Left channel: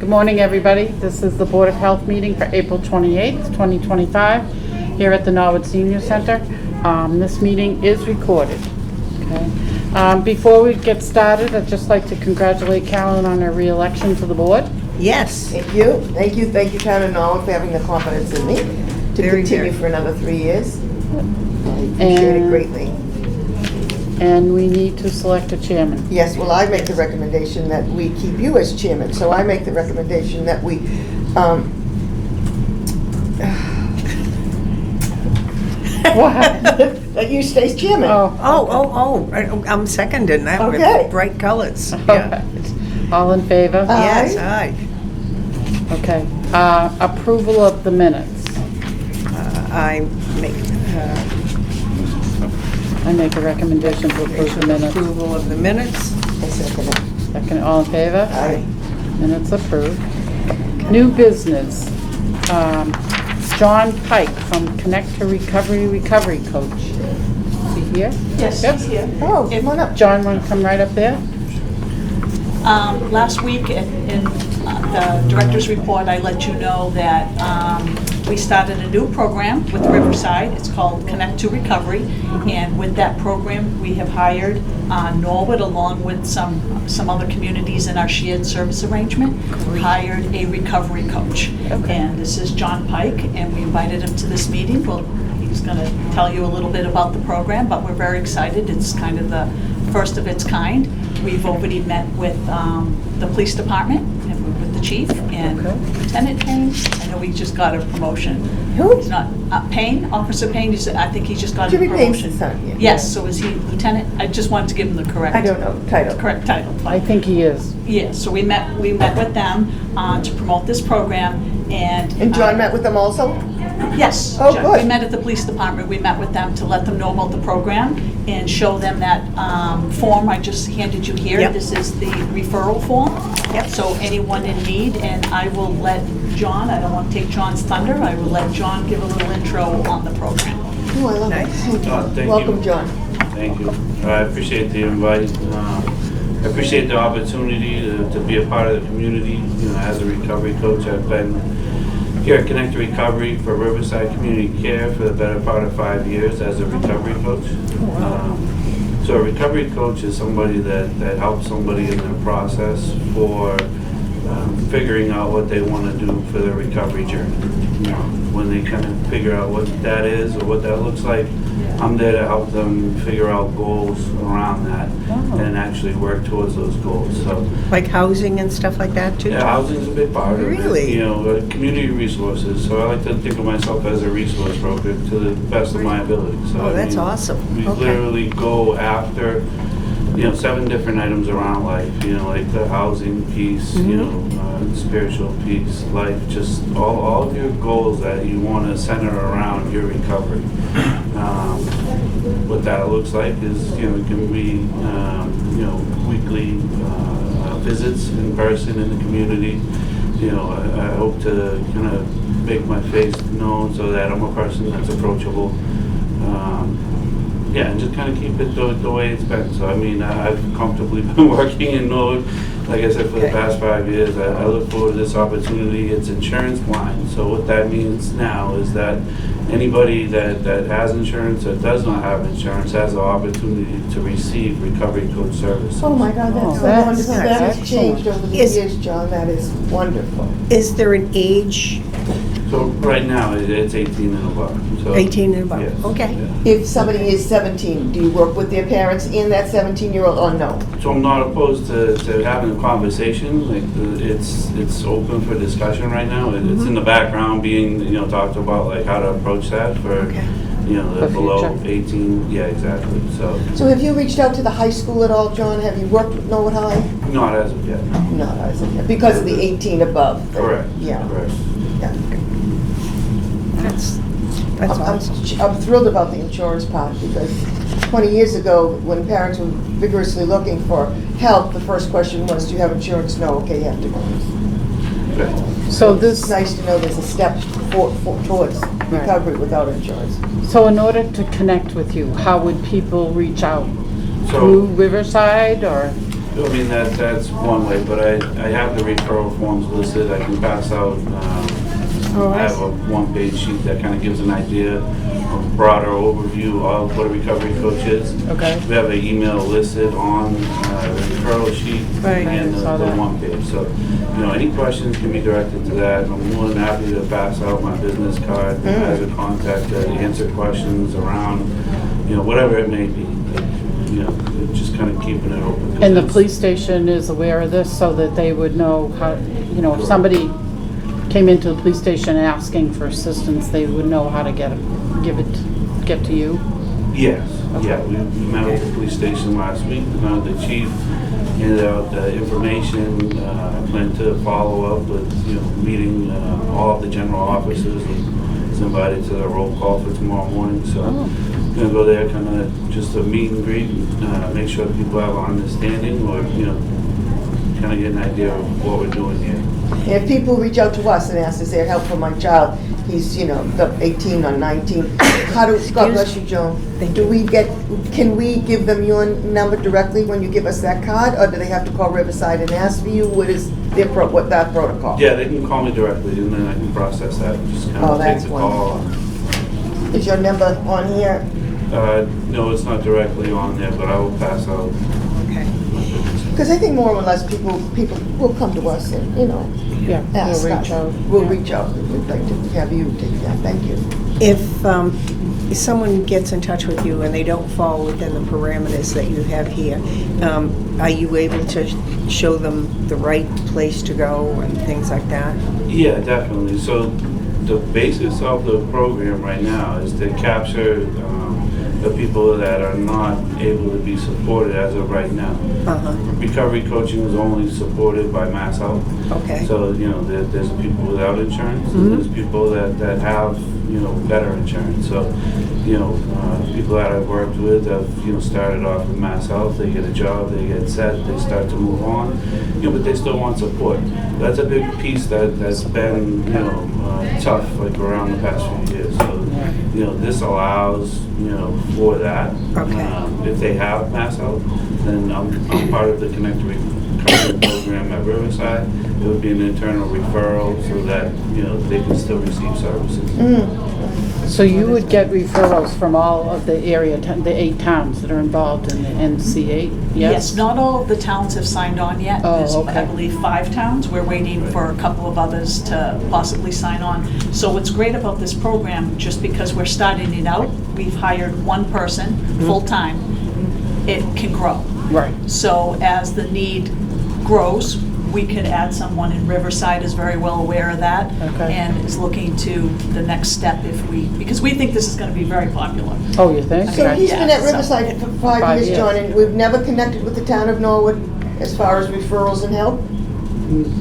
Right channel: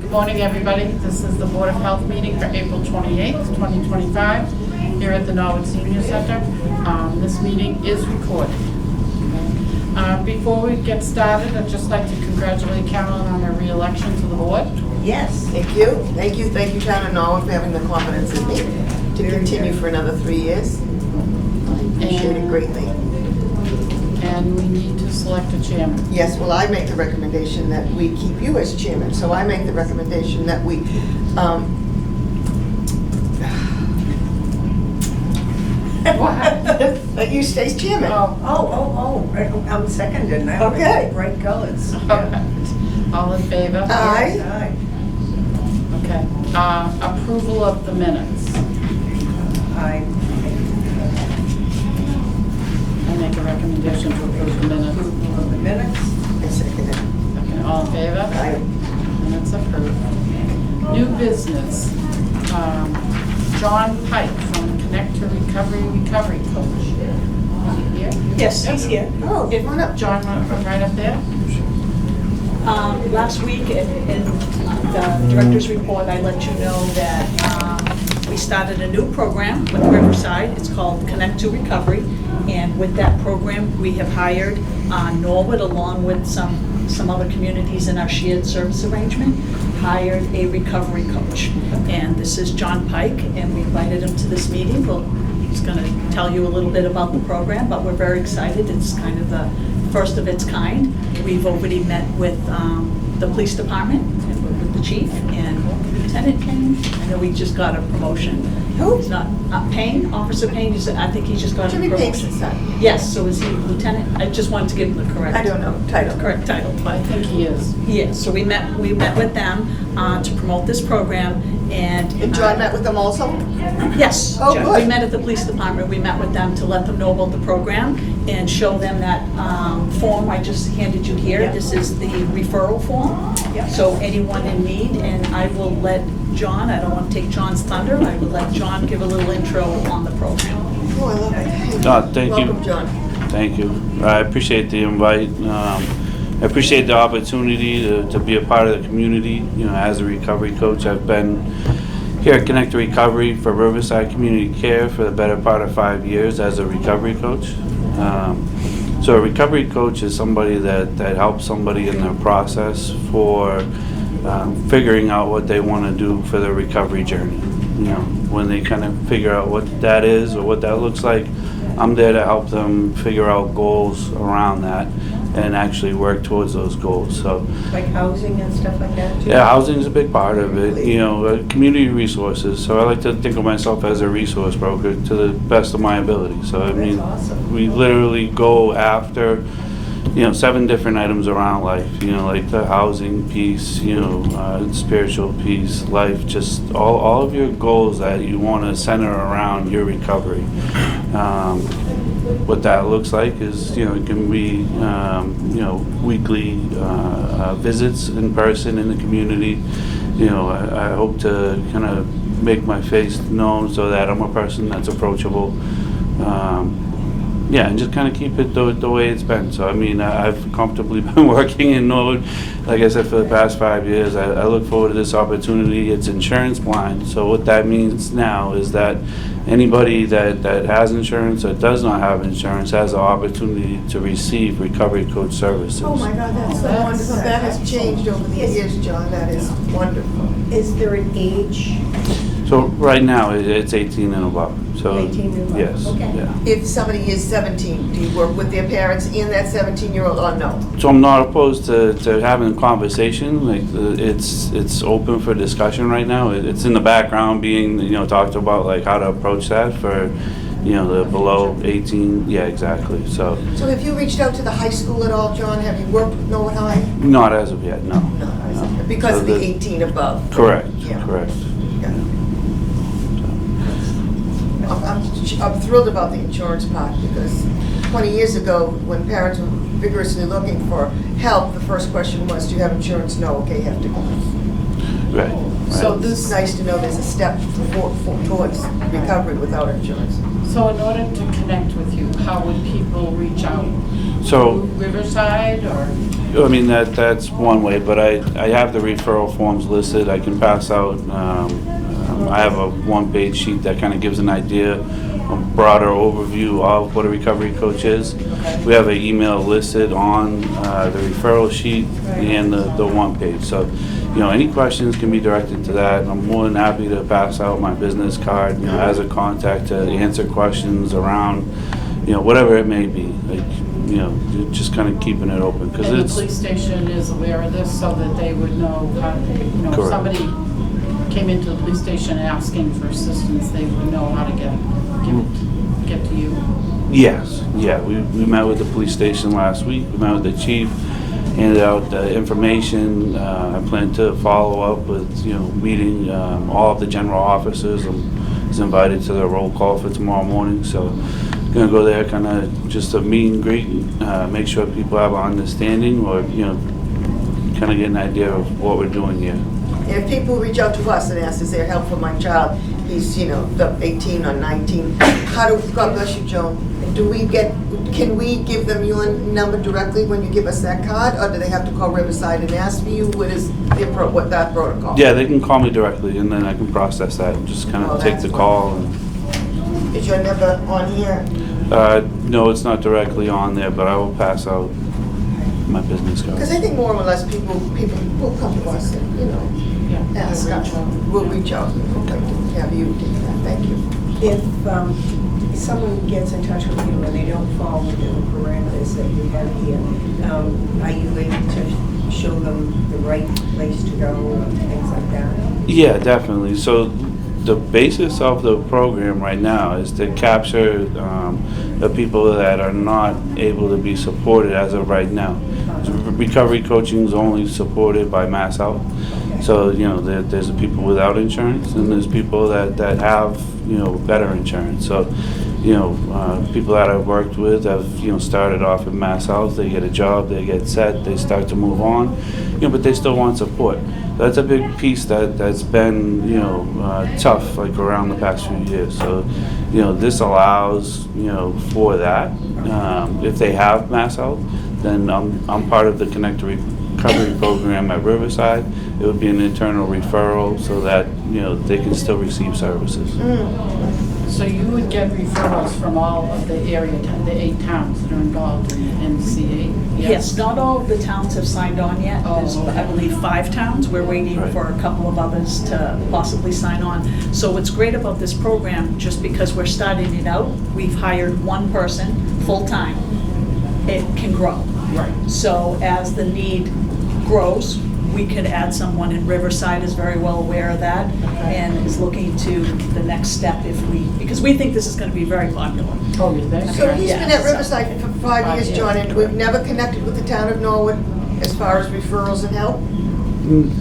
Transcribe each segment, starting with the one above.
Good morning, everybody. This is the Board of Health meeting for April 28th, 2025, here at the Norwood Senior Center. This meeting is recorded. Okay. Before we get started, I'd just like to congratulate Carolyn on her re-election to the board. Yes. Thank you. Thank you, Town of Norwood, for having the confidence in me to continue for another 3 years. Appreciate it greatly. And we need to select a chairman. Yes, well, I make the recommendation that we keep you as chairman, so I make the recommendation that we, that you stay as chairman. I'm seconding that Okay. with bright colors. Yeah. All in favor? Yes, aye. Okay. Approval of the minutes. I I make a recommendation to approve the minutes. approval of the minutes. I second it. Second, all in favor? Aye. Minutes approved. New business. John Pike from Connect to Recovery Coach. Is he here? Yes, Yep. he's here. Oh, come on up. John, want to come right up there? Last week in the director's report, I let you know that we started a new program with Riverside. It's called Connect to Recovery. And with that program, we have hired Norwood, along with some other communities in our shared service arrangement, hired a recovery coach. And this is John Pike, and we invited him to this meeting. Well, he's going to tell you a little bit about the program, but we're very excited. It's kind of the first of its kind. We've already met with the police department, with the chief, and Lieutenant Payne. I know he just got a promotion. Who? He's not, Payne, Officer Payne, I think he just got a Jimmy Payne's promotion. son. Yes, so is he lieutenant? I just wanted to give him the correct. I don't know, title. Correct title. I think he is. Yeah, so we met with them to promote this program, and. And John met with them also? Yes. Oh, John. good. We met at the police department, we met with them to let them know about the program and show them that form I just handed you here. Yep. This is the referral form. Yep. So anyone in need, and I will let John, I don't want to take John's thunder, I will let John give a little intro on the program. Oh, I love it. Thank you. Welcome, John. Thank you. I appreciate the invite. I appreciate the opportunity to be a part of the community. As a recovery coach, I've been here at Connect to Recovery for Riverside Community Care for the better part of 5 years as a recovery coach. So a recovery coach is somebody that helps somebody in their process for figuring out what they want to do for their recovery journey. When they kind of figure out what that is or what that looks like, I'm there to help them figure out goals around that and actually work towards those goals. So, Like housing and stuff like that too? yeah, housing is a big part of Really? it. Community resources. So I like to think of myself as a resource broker to the best of my ability. So Oh, that's awesome. We Okay. literally go after 7 different items around life, like the housing piece, spiritual piece, life, just all of your goals that you want to center around your recovery. What that looks like is, it can be, weekly visits in person in the community. I hope to kind of make my face known so that I'm a person that's approachable. And just kind of keep it the way it's been. So, I've comfortably been working in Norwood, like I said, for the past 5 years. I look forward to this opportunity. It's insurance blind. So what that means now is that anybody that has insurance or does not have insurance has the opportunity to receive recovery coach services. Oh, my God, that's so that's wonderful. That has changed over the Is- years, John. That is wonderful. Is there an age? So right now, it's 18 and above. So 18 and above, Yes. okay. Yeah. If somebody is 17, do you work with their parents and that 17-year-old or no? So I'm not opposed to having a conversation. Like it's open for discussion right now. It's in the background being talked about, like how to approach that for the The below future. 18. Yeah, exactly. So So have you reached out to the high school at all, John? Have you worked with Norwood High? not as of yet. No. No, because of the 18 above. Correct. Yeah. Correct. Yeah. That's That's I'm awesome. I'm thrilled about the insurance part, because 20 years ago, when parents were vigorously looking for help, the first question was, do you have insurance? No, okay, you have to go. Right. So It's this, nice to know there's a step towards recovery without insurance. so in order to connect with you, how would people reach out? So, Through Riverside or? I mean, that's one way, but I have the referral forms listed. I can pass out, I have a one-page sheet that kind of gives an idea, a broader overview of what a recovery coach is. Okay. We have an email listed on the referral sheet Right. and the one page. So, you know, any questions can be directed to that. I'm more than happy to pass out my business card, you know, as a contact to answer questions around, you know, whatever it may be. Like, you know, just kind of keeping it open. 'cause And the it's- police station is aware of this so that they would know how, you know, if Correct. somebody came into the police station asking for assistance, they would know how to get to you? Yes, yeah, we met with the police station last week, we met with the chief, handed out information. I plan to follow up with, you know, meeting all of the general officers, and is invited to the roll call for tomorrow morning, so gonna go there, kind of just a meet and greet, make sure people have an understanding, or, you know, kind of get an idea of what we're doing here. And if people reach out to us and ask, is there help for my child? He's, you know, the 18 or 19. How do, God bless you, Joan. Can we give them your number directly when you give us that card? Or do they have to call Riverside and ask for you? What is what that protocol? Yeah, they can call me directly, and then I can process that, and just kind Oh, of take that's the call. Is your number on here? No, it's not directly on there, but I will pass out Okay. my business card. Because I think more or less people will come to us and, you know, Yeah. ask they'll us. reach out. We'll reach out. We'd like to have you take that. Thank you. If someone gets in touch with you and they don't fall within the parameters that you have here, are you able to show them the right place to go and things like that? Yeah, definitely. So the basis of the program right now is to capture the people that are not able to be supported as of right now. Uh-huh. Recovery coaching is only supported by Mass Health. Okay. So, you know, there's people without insurance, and there's people that have, you know, better insurance. So, you know, people that I've worked with have, you know, started off in Mass Health, they get a job, they get set, they start to move on, you know, but they still want support. That's a big piece that's been, you know, tough, like around the past few years. So, you know, this allows, you know, for that. Okay. If they have Mass Health, then I'm part of the Connect to Recovery program at Riverside. It would be an internal referral so that, you know, they can still receive services. So you would get referrals from all of the area, the 8 towns that are involved in the NC8? Yes, not all of the towns have signed on yet. Oh, There's, okay. I believe, 5 towns. We're waiting Right. for a couple of others to possibly sign on. So what's great about this program, just because we're starting it out, we've hired one person, full-time. It can grow. Right. So as the need grows, we could add someone, and Riverside is very well aware of that, Okay. and is looking to the next step because we think this is going to be very popular. Oh, you think? So Okay. he's been at Yeah, so- Riverside for 5 5 years, years. John, and we've never connected with the town of Norwood as far as referrals and help?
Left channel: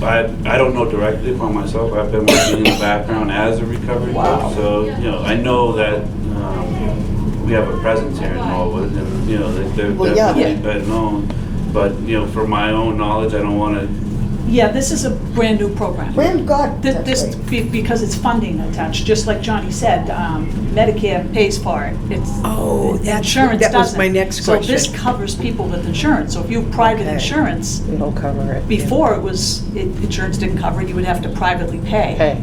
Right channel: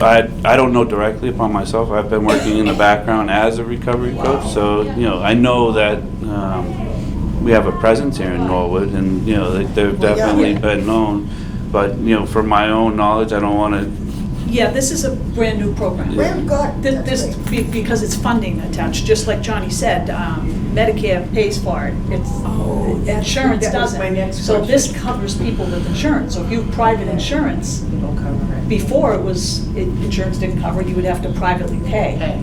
I don't know directly upon myself. I've been working in the background as a recovery coach, so, you know, I know that we have a presence here in Norwood, and, you know, they've Well, yeah. definitely Yeah. been known. But, you know, from my own knowledge, I don't want to. Yeah, this is a brand-new program. Graham, God, Th- that's This, great. because it's funding attached, just like Johnny said, Medicare pays for it. It's Oh, that's- insurance that was doesn't. my next So this question. covers people with insurance. So if you have private Okay. insurance, It'll cover it. before insurance didn't cover it, you would have to privately pay. Hey,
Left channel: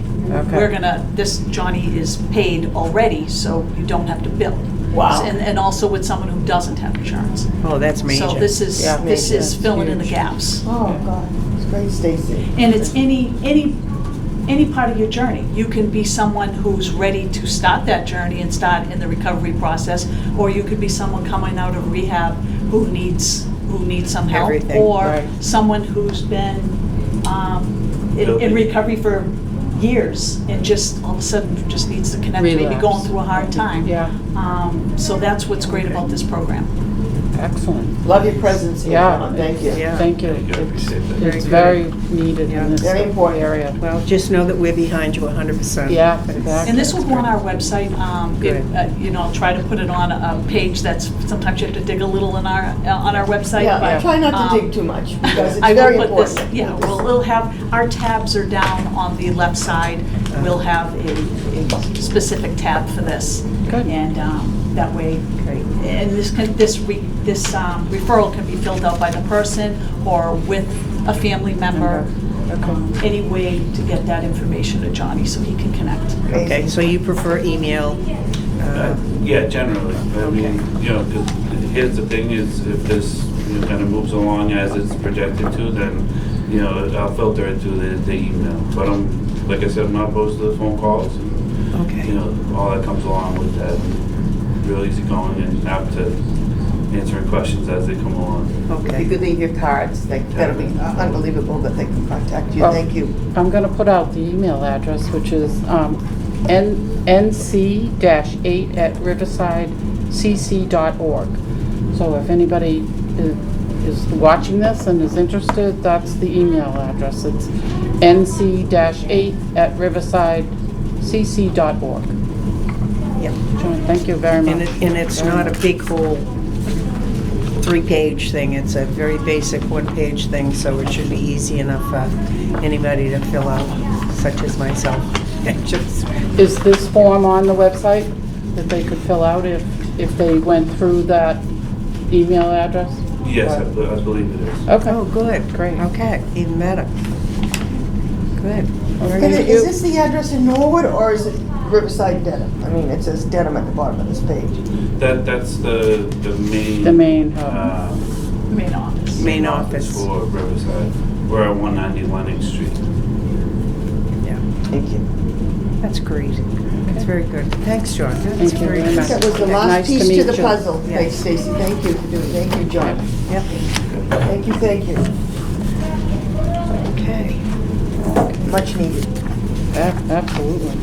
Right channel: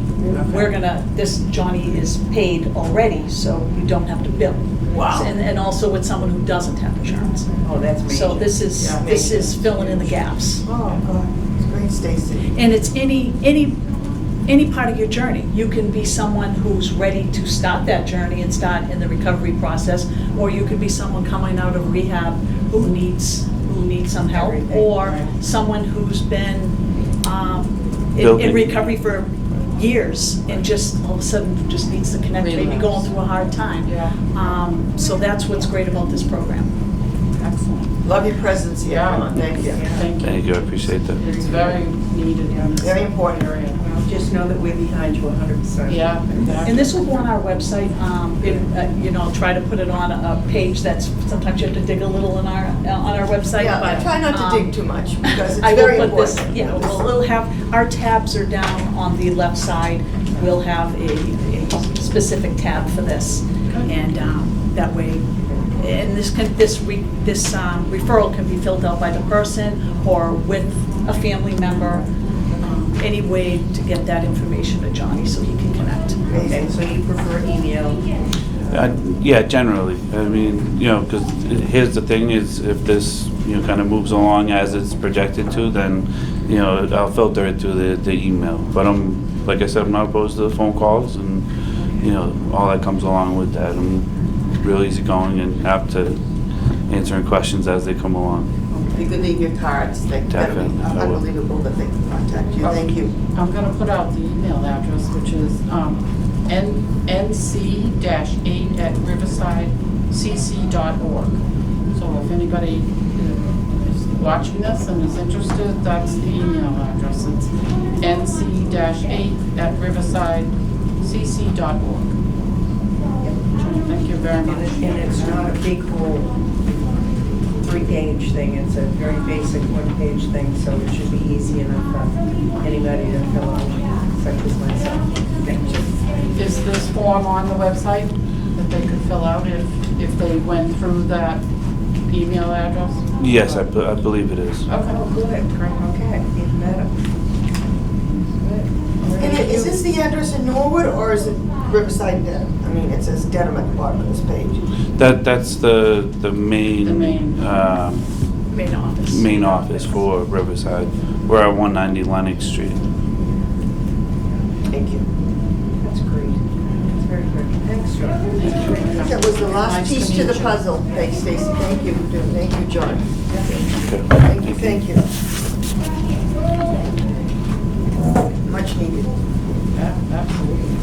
We're okay. Johnny is paid already, so you don't have to bill. Wow. And also with someone who doesn't have insurance. Oh, that's major. So this is Yeah. Major. filling in the Huge. gaps. Oh, God, it's great, Stacy. And it's any part of your journey. You can be someone who's ready to start that journey and start in the recovery process, or you could be someone coming out of rehab who needs some help, Everything, or right. someone who's been in Building. recovery for years and just all of a sudden just needs to connect, maybe Relapse. going through a hard time. Yeah. So that's what's great about this program. Excellent. Love your presence here. Yeah. Thank you. Yeah. Thank you. Thank you, I appreciate that. It's very needed in this Very important. area. Well, just know that we're behind you 100%. Yeah, exactly. And this will go on our website. Good. You know, I'll try to put it on a page that's, sometimes you have to dig a little on our website. Yeah, but, I try not to um, dig too much because I it's will very put this, important. yeah, we'll have, our tabs are down on the left side. We'll have a specific tab for this. Good. And that way, and this referral can be filled out by the person or with a family member. Any way to get that information to Johnny so he can connect. Okay, so you prefer email? Yeah, generally. I mean, you know, because here's the thing is, if this, you know, kind of moves along as it's projected to, then, you know, I'll filter it through the email. But like I said, I'm not opposed to the phone calls and, Okay. you know, all that comes along with that. I'm real easygoing and apt to answering questions as they come along. If you Okay. could leave your cards, that'll be Definitely. unbelievable that they can contact you. Well, Thank you. I'm gonna put out the email address, which is nc-8@riversidecc.org. So if anybody is watching this and is interested, that's the email address. It's nc-8@riversidecc.org. Yep. Thank you very And much. it's not a big whole 3-page thing, it's a very basic 1-page thing, so it should be easy enough for anybody to fill out, such as myself. Just- Is this form on the website that they could fill out if they went through that email address? Yes, I believe it is. Okay. Oh, good, great, okay, even better. Good. Is this the address in Norwood or is it Riverside Dedham? I mean, it says Dedham at the bottom of this page. That's the main. The main, Main office. Main office for Riverside. We're at 190 Lenox Street. Yeah, Thank you. that's great. That's very good. Thanks, John. Thank That's you very very good. much. That was the Nice last to piece meet to the you. puzzle. Yeah. Thanks, Stacy. Thank you for doing, thank you, John. Yeah. Okay. Thank you, thank you. Okay. Much needed. Absolutely.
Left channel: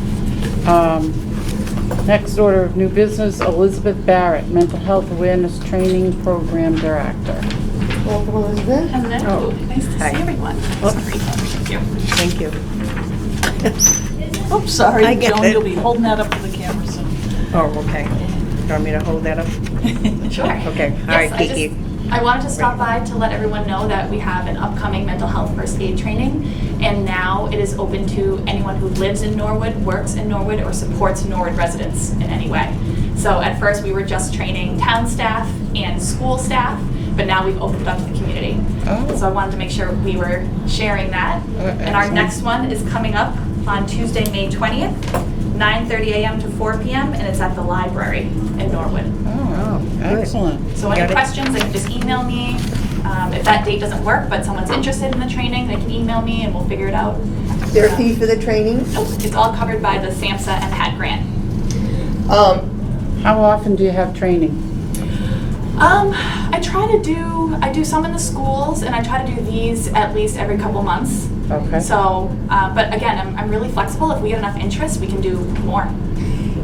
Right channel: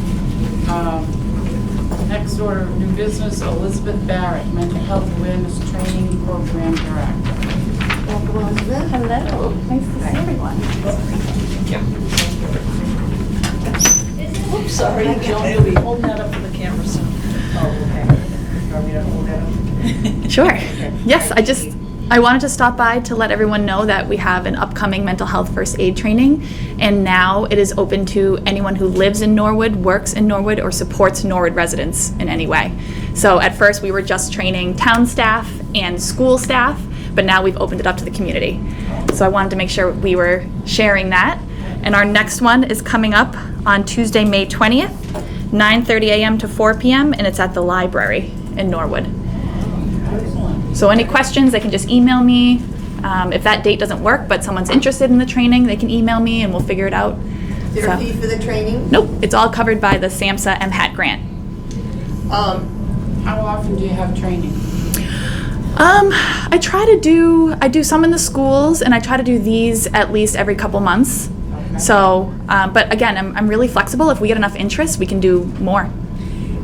Next order of new business, Elizabeth Barrett, Mental Health Awareness Training Program Director. Welcome, Elizabeth. Hello, nice to Hi. see everyone. Thank you. Oops, sorry, I get Joan, it. you'll be holding that up for the camera soon. Oh, okay. You want me to hold that up? Sure. Okay. All Yes, right, I wanted to stop by to let everyone know that we have an upcoming mental health first aid training, and now it is open to anyone who lives in Norwood, works in Norwood, or supports Norwood residents in any way. So at first we were just training town staff and school staff, but now we've opened it up to the community. Oh. So I wanted to make sure we were sharing that. And our next one is coming up on Tuesday, May 20th, 9:30 a.m. to 4 p.m., and it's at the library in Norwood. Oh, excellent. So any Got it. questions, they can just email me. If that date doesn't work, but someone's interested in the training, they can email me and we'll figure it out. Is there a So- fee for the training? Nope, it's all covered by the SAMHSA MHAT grant. How often do you have training? I do some in the schools, and I try to do these at least every couple months. Okay. So, but again, I'm really flexible. If we get enough interest, we can do more.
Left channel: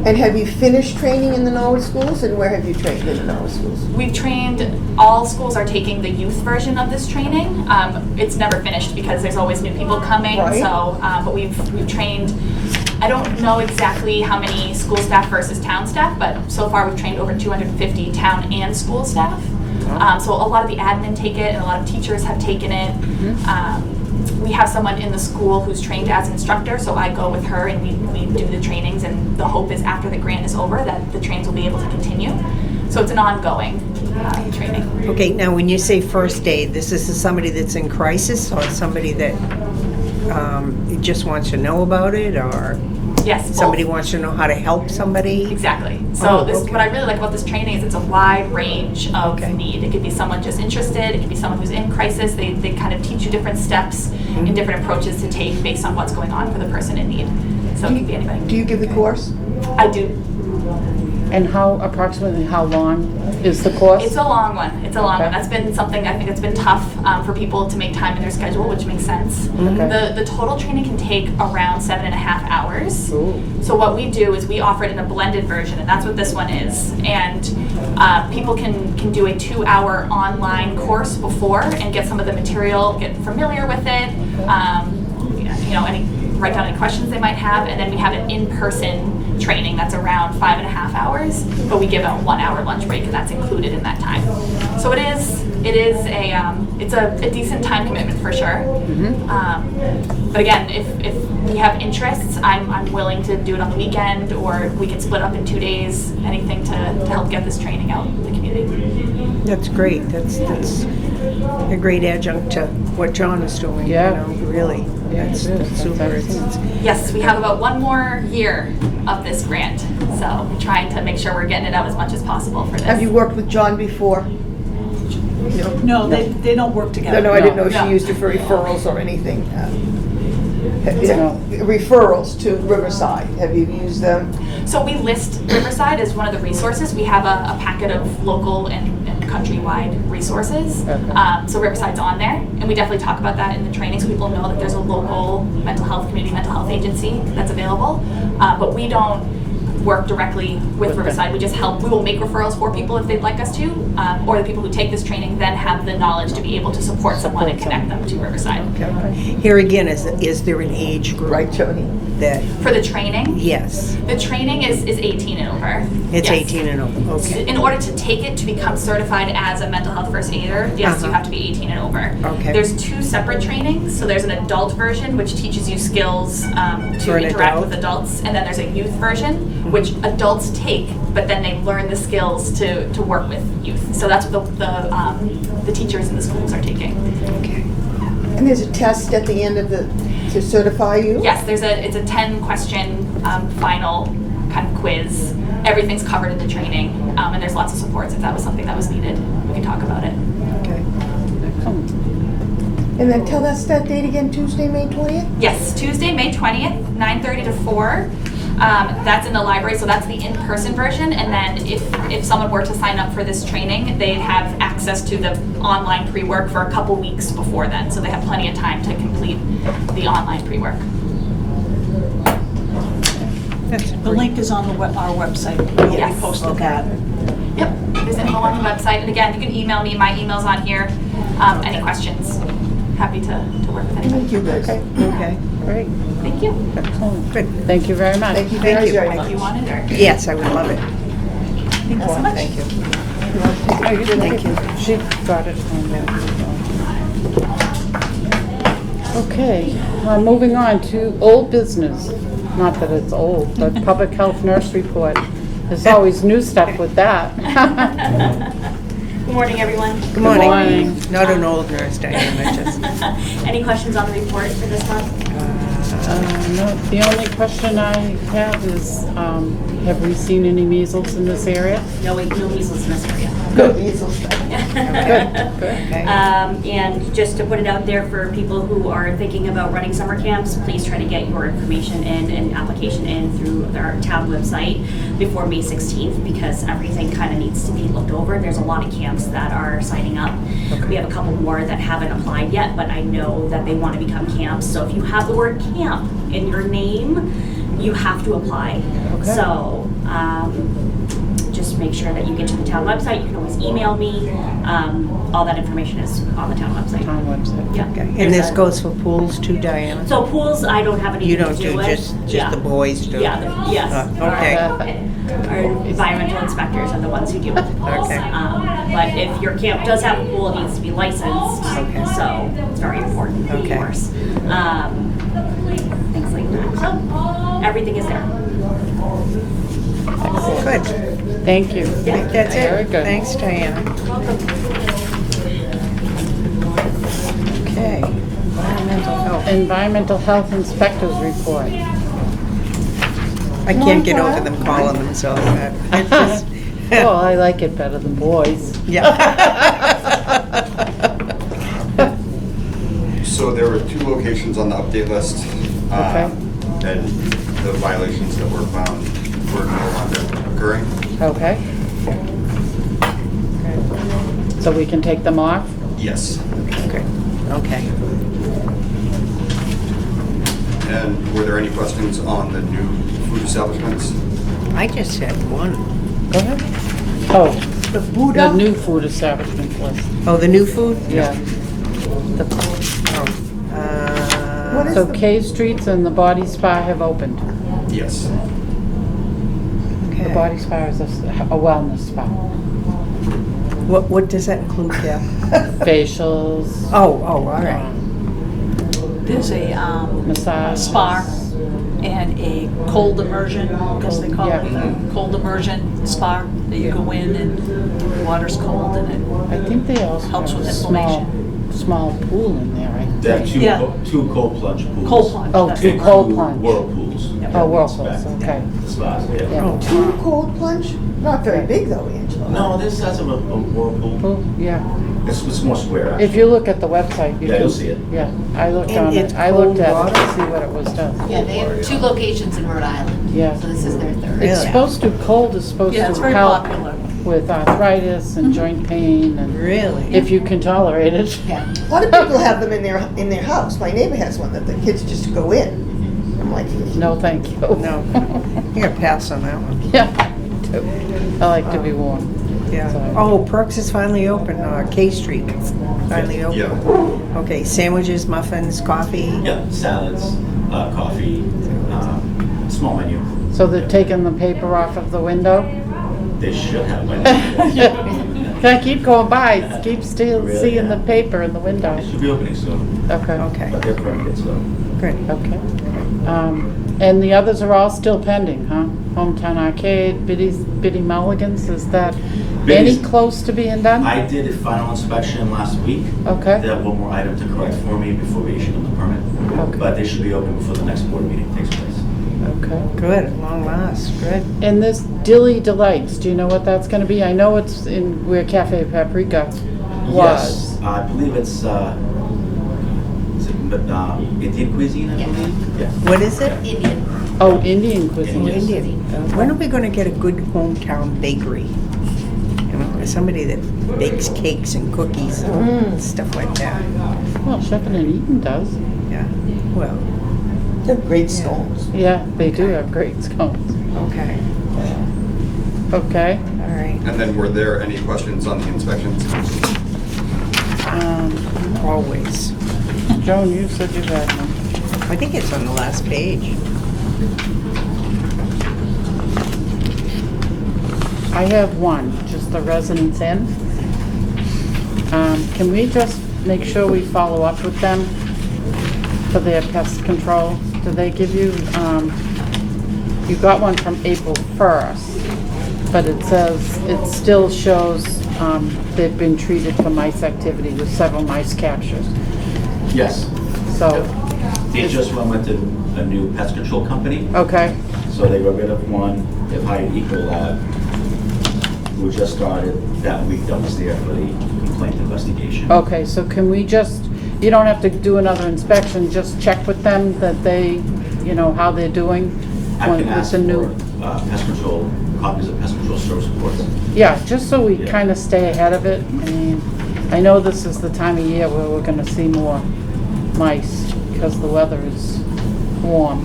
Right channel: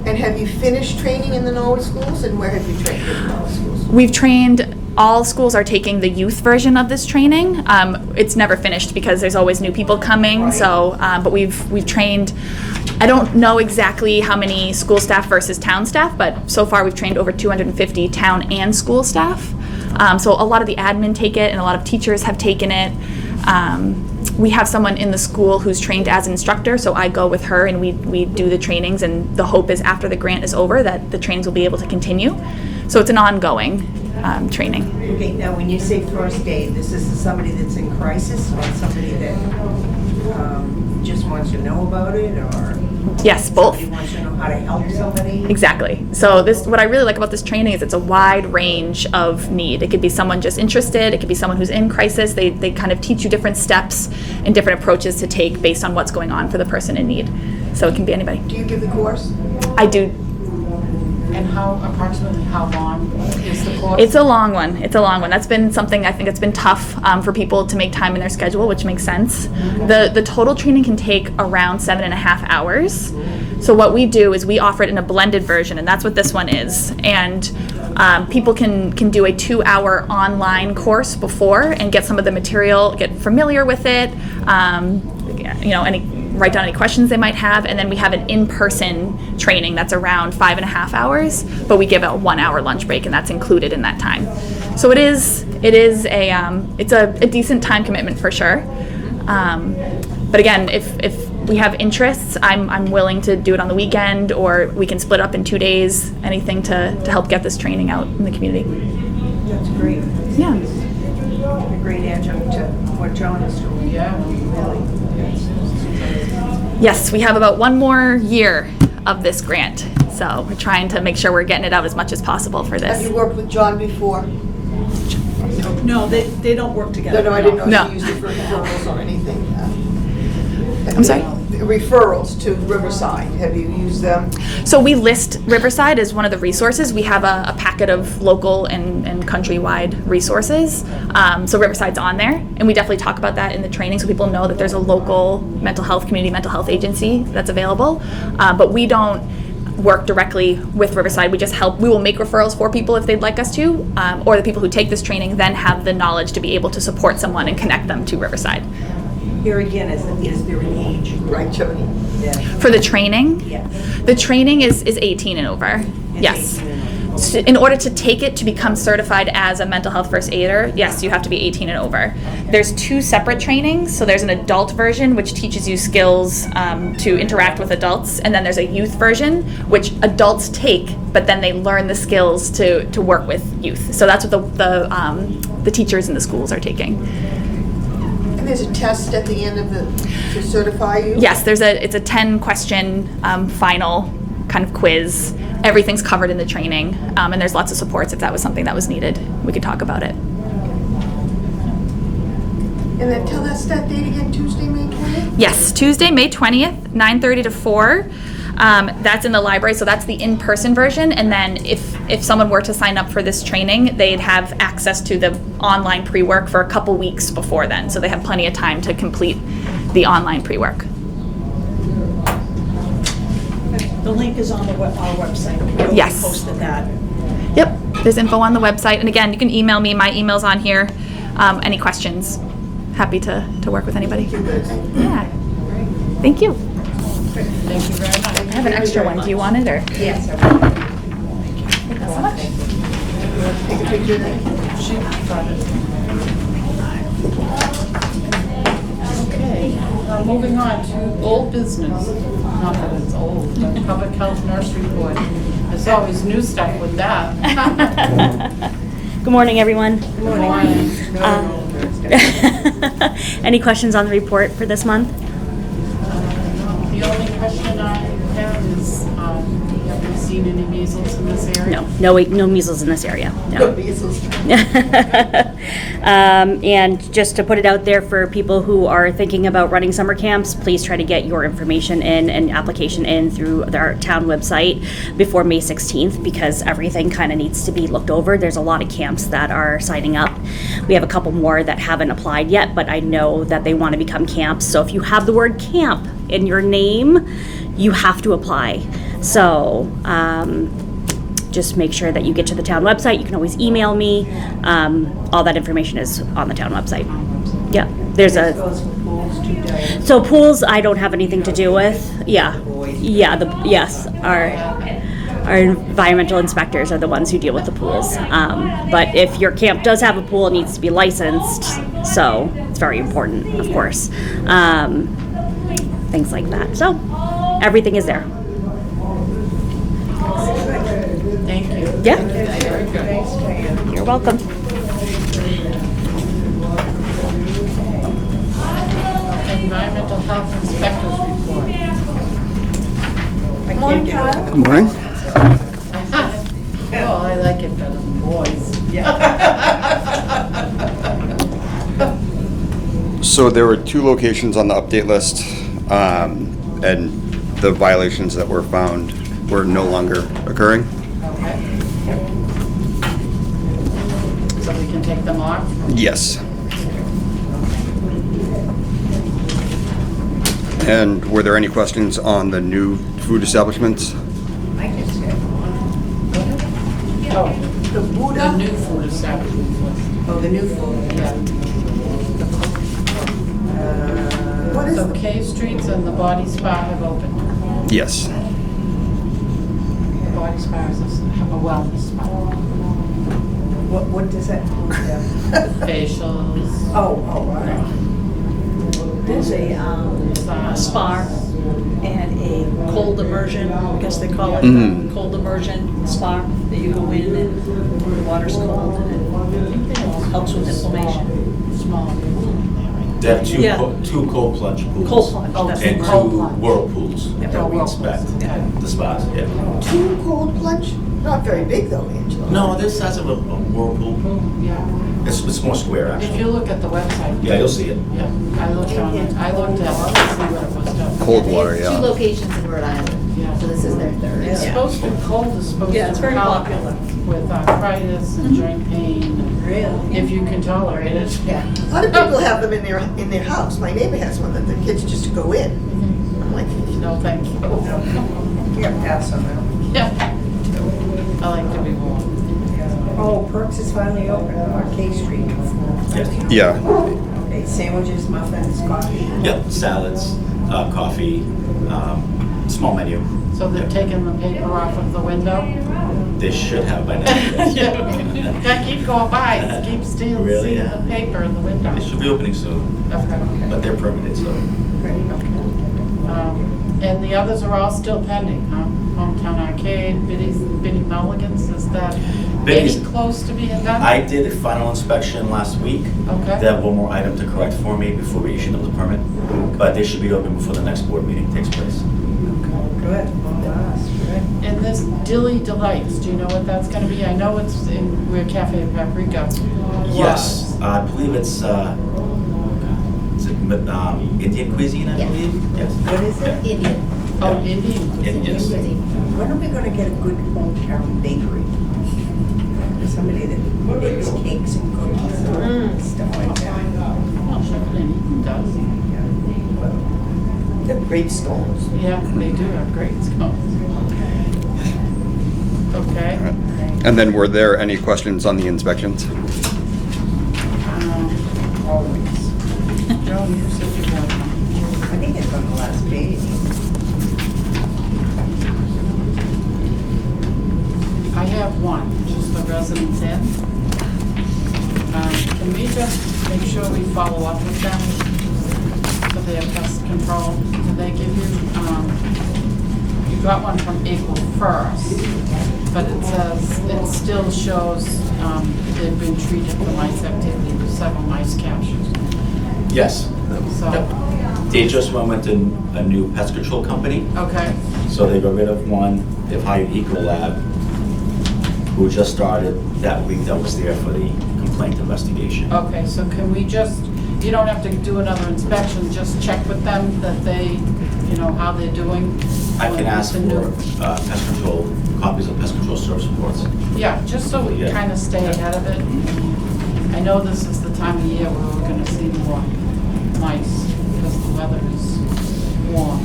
And have you finished training in the Norwood schools, and where have you trained in the Norwood schools? We've trained, all schools are taking the youth version of this training. It's never finished because there's always new people coming. Right. So, but we've trained, I don't know exactly how many school staff versus town staff, but so far we've trained over 250 town and school staff. So a lot of the admin take it, and a lot of teachers have taken it. We have someone in the school who's trained as an instructor, so I go with her and we do the trainings, and the hope is after the grant is over that the trainings will be able to continue. So it's an ongoing training. Okay, now when you say first aid, this is somebody that's in crisis or somebody that just wants to know about it, or Yes, both. somebody wants to know how to help somebody? Exactly. So Oh, this, okay. what I really like about this training is it's a wide range of Okay. need. It could be someone just interested. It could be someone who's in crisis. They kind of teach you different steps and different approaches to take based on what's going on for the person in need. So it can be anybody. Do you give the course? I do. And approximately how long is the course? It's a long one. It's a long one. That's been something I think that's been tough for people to make time in their schedule, which makes sense. The total training can take around 7.5 hours. So what we do is we offer it in a blended version, and that's what this one is. And people can do a 2-hour online course before and get some of the material, get familiar with it. Write down any questions they might have, and then we have an in-person training that's around 5.5 hours, but we give a 1-hour lunch break, and that's included in that time. So it's a decent time commitment for sure. But again, if we have interests, I'm willing to do it on the weekend, or we can split up in 2 days, anything to help get this training out in the community. That's great. That's a great adjunct to what John is doing. Yeah. Really. That's super. Yes, we have about 1 more year of this grant, so we're trying to make sure we're getting it out as much as possible for this. Have you worked with John before? No, they don't work together. No, I didn't know if No. you used it for referrals or anything. I'm sorry? Referrals to Riverside, have you used them? So we list Riverside as one of the resources. We have a packet of local and countrywide resources. So Riverside's on there, and we definitely talk about that in the training so people know that there's a local community mental health agency that's available. But we don't work directly with Riverside. We just help. We will make referrals for people if they'd like us to, or the people who take this training then have the knowledge to be able to support someone and connect them to Riverside. Here again, is there an age group? Right, Joni? That, For the training, yes, the training is 18 and over. it's Yes. 18 and over. So Okay. in order to take it to become certified as a mental health first aider, yes, you have to be 18 and over. Okay. There's 2 separate trainings. So there's an adult version, which teaches you skills For to an interact adult. with adults, and then there's a youth version, which adults take, but then they learn the skills to work with youth. So that's what the teachers in the schools are taking. And there's a test at the end of to certify you? Yes, it's a 10-question final kind of quiz. Everything's covered in the training, and there's lots of supports if that was something that was needed. We could talk about it. And then tell us that date again, Tuesday, May 20th? Yes, Tuesday, May 20th, 9:30 to 4. That's in the library, so that's the in-person version. And then if someone were to sign up for this training, they'd have access to the online pre-work for a couple weeks before then. So they have plenty of time to complete the online pre-work. The link is on our website. You'll Yes. be posted that. Yep, there's info on the website. And again, you can email me. My email's on here. Any questions? Happy to work with anybody. Thank you, guys. Yeah. Great. Thank you. Excellent. Good. Thank you very much. Have an extra one if you wanted, or? Yes, I would love it. Thank you so much. Thank you. Thank you. She got it from there. Okay, moving on to old business. Not that it's old, but public health nurse report. There's always new stuff with that. Good morning, everyone. Good morning. morning. Not an old nurse, Diana. Any questions on the report for this month? No, the only question I have is, have we seen any measles in this area? No measles in this area. No. Good measles. And just to put it out there for people who are thinking about running summer camps, please try to get your information in and application in through our town website before May 16th, because everything kind of needs to be looked over. There's a lot of camps that are signing up. We have a couple more that haven't applied yet, but I know that they want to become camps. So if you have the word camp in your name, you have to apply. So just make sure that you get to the town website. You can always email me. All that information is on the town website. On the website. Yeah. And There's this a, goes for pools too, Diana? so pools, I don't have anything You to don't do do with. just Yeah. the boys do? Yeah, yes. Okay. Our environmental inspectors are the ones who deal with the pools. But if your camp does have a pool, it needs to be licensed. So it's very important, of course. Things like that. So everything is there. Good. Thank you. Yeah. That's Very it. good. Thanks, Diana. You're welcome. Okay. Environmental health inspectors report. I can't get over the pollen, so I just, Oh, I like it better than boys. yeah. So there were 2 locations on the update list, and the violations that were found were no longer occurring. Okay. So we can take them off? Yes. Okay. And were there any questions on the new food establishments? I just had one. Go ahead. Oh, The the Buddha, new food establishment list. Oh, the new food? Yeah. what is So the, K Streets and the Body Spa have opened. Yes. The Okay. Body Spa is a wellness spa. What does that include, Deb? Facials, Oh, all right. There's a massage. spa and a cold immersion, I guess they call it, Mhm. cold immersion spa, that you go in and the water's cold and I think they also Helps have with a small, inflammation. small pool in there, right? They have two, Yeah. two cold plunge pools. cold plunge. Oh, that's two it. And cold two plunge. whirlpools Oh, that we whirlpools, expect. okay. The spas, yeah. Yeah. two cold plunge? Not very big though, Angela. No, this has a whirlpool. Pool, yeah. It's more square, If actually. you look at the website. Yeah, you'll see it. Yeah, I looked on It's it, I looked at cold it to see what it was done. Cold they water, have two yeah. locations in Rhode Island. Yeah. So this is their third. It's Really? supposed to, cold is supposed Yeah, it's to very help popular. with arthritis and joint pain and Really? if you can tolerate it. Yeah. A lot of people have them in their house. My neighbor has one that the kids just go in. I'm like, No, thank you. No. I got pass on that one. Yeah, I like to be warm. Yeah. So- Oh, Perks is finally open, K Street. Finally open. Yeah. Okay, sandwiches, muffins, coffee. Yeah, salads, coffee, small menu. So they're taking the paper off of the window? They should have by now. I keep going by, keep still Really, seeing the yeah. paper in the window. It should be opening soon, Okay, Okay, but they're permitted, so. great. okay. And the others are all still pending, huh? Hometown Arcade, Biddy Mulligan's, is that any Biddy's- close to being done? I did a final inspection last week. Okay. They have one more item to correct for me before we issue them the permit. Okay. But they should be open before the next board meeting takes place. Okay. Good, long last, good. And this Dilly Delights, do you know what that's gonna be? I know it's in where Cafe Paprika was. Yes, I believe it's, is it Indian cuisine, I Yeah. believe? Yes. What is it? Indian. Oh, Indian cuisine. Yes. When are we gonna get a good hometown bakery? You know, somebody that bakes cakes and cookies and stuff like that. Well, Shepherd and Eaton does. Yeah, well, they're great scones. Yeah, they do have great scones. okay, Okay. all right. And then were there any questions on the inspections? Always. Joan, you said you had one. I think it's on the last page. I have one, just the Residence Inn. Can we just make sure we follow up with them for their pest control? Do they give you, you got one from April 1st, but it says, it still shows they've been treated for mice activity with several mice captures. Yes. So, They just went with a new pest control company, okay, so they got rid of one. They've hired Ecolab, who just started that week that was there for the complaint investigation. okay, so can we just, you don't have to do another inspection, just check with them that they, you know, how they're doing? I with can ask the new- for pest control, copies of pest control service reports. Yeah, just so we Yeah. kind of stay ahead of it. I mean, I know this is the time of year where we're gonna see more mice because the weather is warm.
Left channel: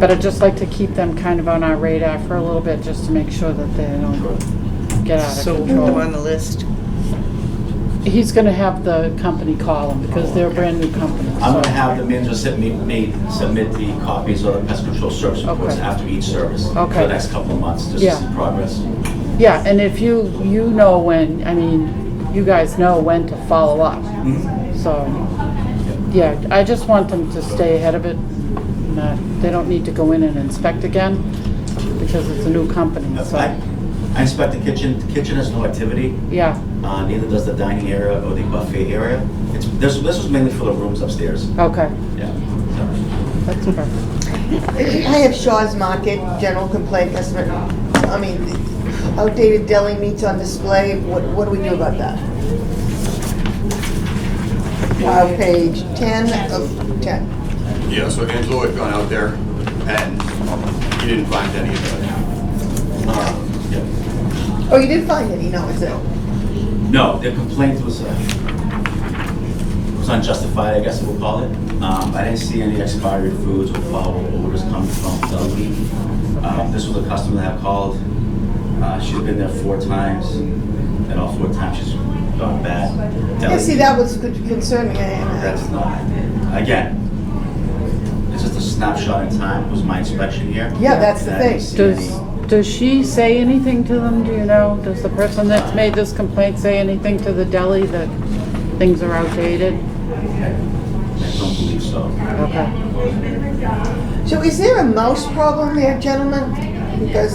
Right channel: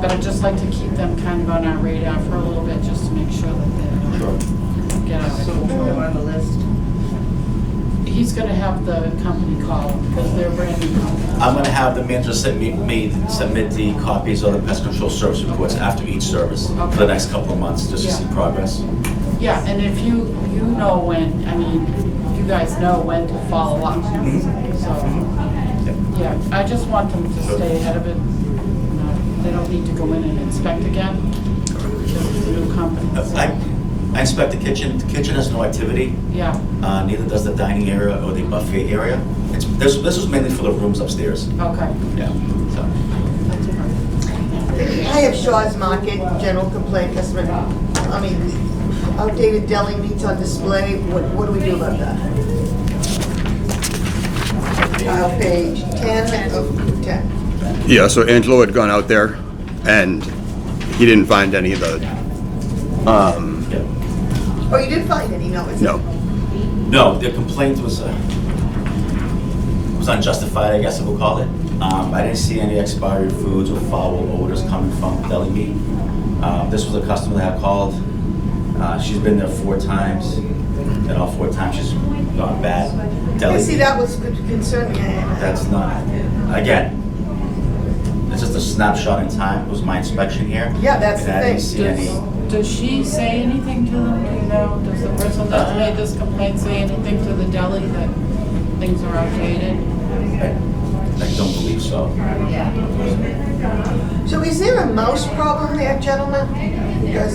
But I'd just like to keep them kind of on our radar for a little bit, just to make sure that they don't get out of So we'll put control. them on the list. He's gonna have the company call them because they're a brand new company. I'm so- gonna have the manager submit the copies of the pest control service reports Okay. after each service for Okay. the next couple of months, just Yeah. to see progress. Yeah, and if you know when, I mean, you guys know when to follow up. So, yeah, I just want them to stay ahead of it. They don't need to go in and inspect again because it's a new company, so, I inspect the kitchen. The kitchen has no activity. yeah, Neither does the dining area or the buffet area. This was mainly for the rooms upstairs. okay, Yeah. So, that's perfect. I have Shaw's Market, general complaint, customer, I mean, outdated deli meats on display. What do we do about that? Page 10 of 10. Yeah, so Angelo had gone out there and he didn't find any of the Yeah. Oh, you did find any, no, is it? No. No, the complaint was unjustified, I guess we'll call it. I didn't see any expired foods or foul odors coming from deli meat. This was a customer that called. She's been there 4 times, and all 4 times she's gone bad. Deli Yeah, see, meat, that was concerning. that's not, again, it's just a snapshot in time. It was my inspection here. Yeah, that's the and I didn't thing. see any- Does she say anything to them, do you know? Does the person that's made this complaint say anything to the deli that things are outdated? I don't believe so. So is there a mouse problem there, gentlemen? Because,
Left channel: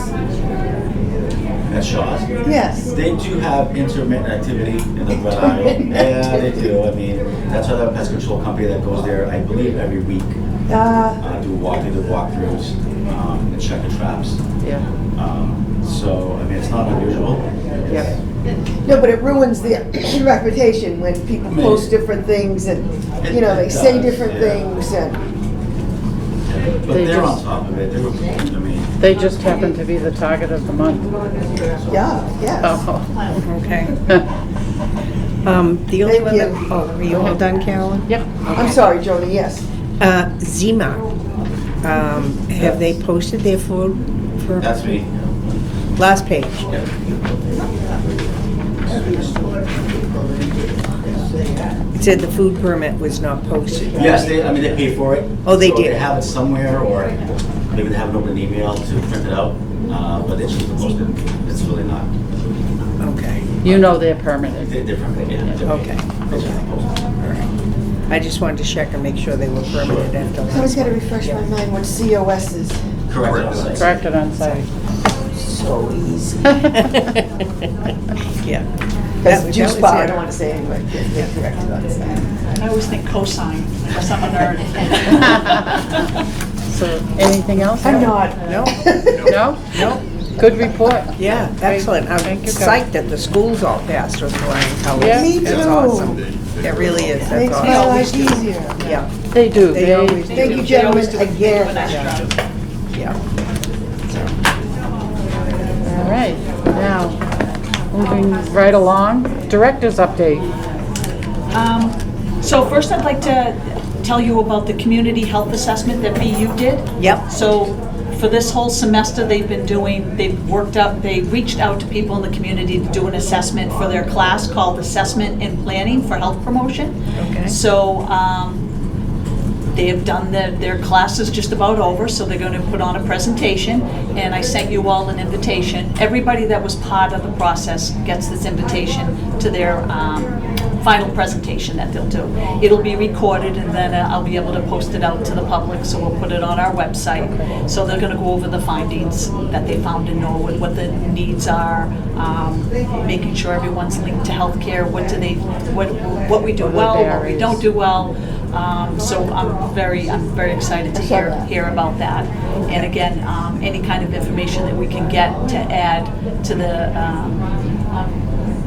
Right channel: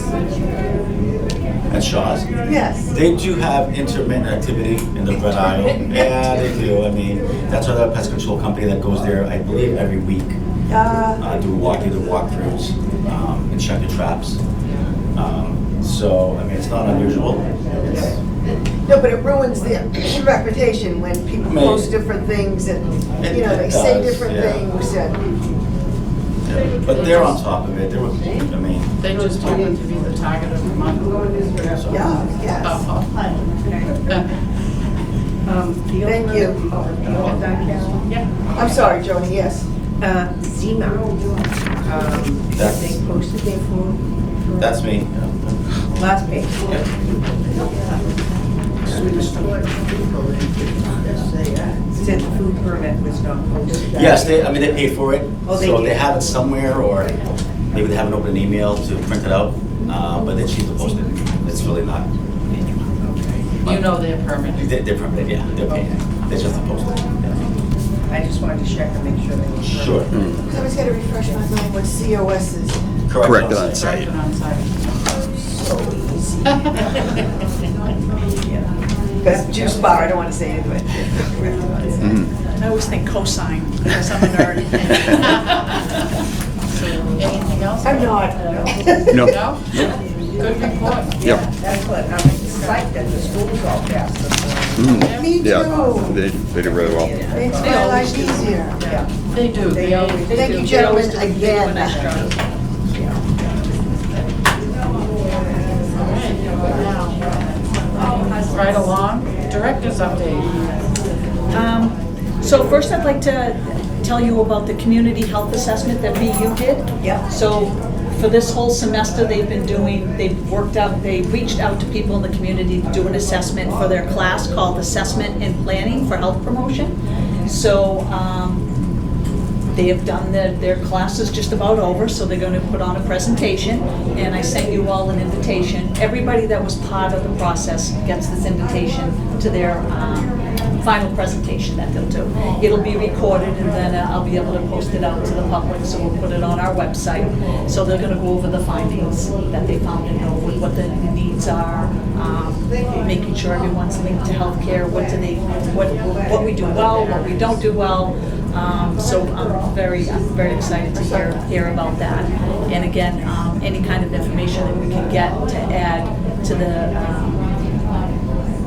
At Shaw's. yes. They do have intermittent activity in the red eye. Yeah, they do. I mean, that's another pest control company that goes there, I believe, every week. Do walkthroughs and check the traps. Yeah. So, I mean, it's not unusual. No, but it ruins their reputation when people Maybe. post different things and, you know, they It say does, different yeah. things and, But They they're on just- top of it. I mean, They just happen to be the target of the month. yeah, yes. Oh. Okay. The only Thank one you. that, oh, are you all done, Carolyn? Yep. I'm sorry, Joni, yes. Zima, have they posted their food for? that's me. Last page. Yeah. It said the food permit was not posted. Yes, they paid for it. Oh, they So did. they have it somewhere, or maybe they haven't opened an email to print it out, but they choose to post it. It's really not. Okay. You know they're permanent. They're permitted, yeah. They're paid. Okay. They just have to post it. I just wanted to check and make sure they were Sure. permanent. I always gotta refresh my mind what COS is. Correct. Corrected on site. So easy. Yeah. Because That juice was bar, it. I don't wanna say it, but they're correct about it. I always think cosine, because I'm a nerd. So, anything else? I'm not. No. No. No? Good report. Yeah, excellent. I'm Thank you, guys. psyched that the schools all passed this morning. Yeah. Me Yeah, too. they It did really well. is. Makes That's my awesome. life easier. Yeah, They do. They always do. Thank you, They always gentlemen, do a again. nice job. yeah. All right, now, moving right along, director's update. So first I'd like to tell you about the community health assessment that BU did. Yep. So for this whole semester, they reached out to people in the community to do an assessment for their class called Assessment in Planning for Health Promotion. Okay. So they have done their class is just about over, so they're going to put on a presentation, and I sent you all an invitation. Everybody that was part of the process gets this invitation to their final presentation that they'll do. It'll be recorded, and then I'll be able to post it out to the public, so we'll put it on our website. So they're going to go over the findings that they found in Norwood, what the needs are, making sure everyone's linked to healthcare, what we do well, what we don't do well. So I'm very excited to hear about that. And again, any kind of information that we can get to add to the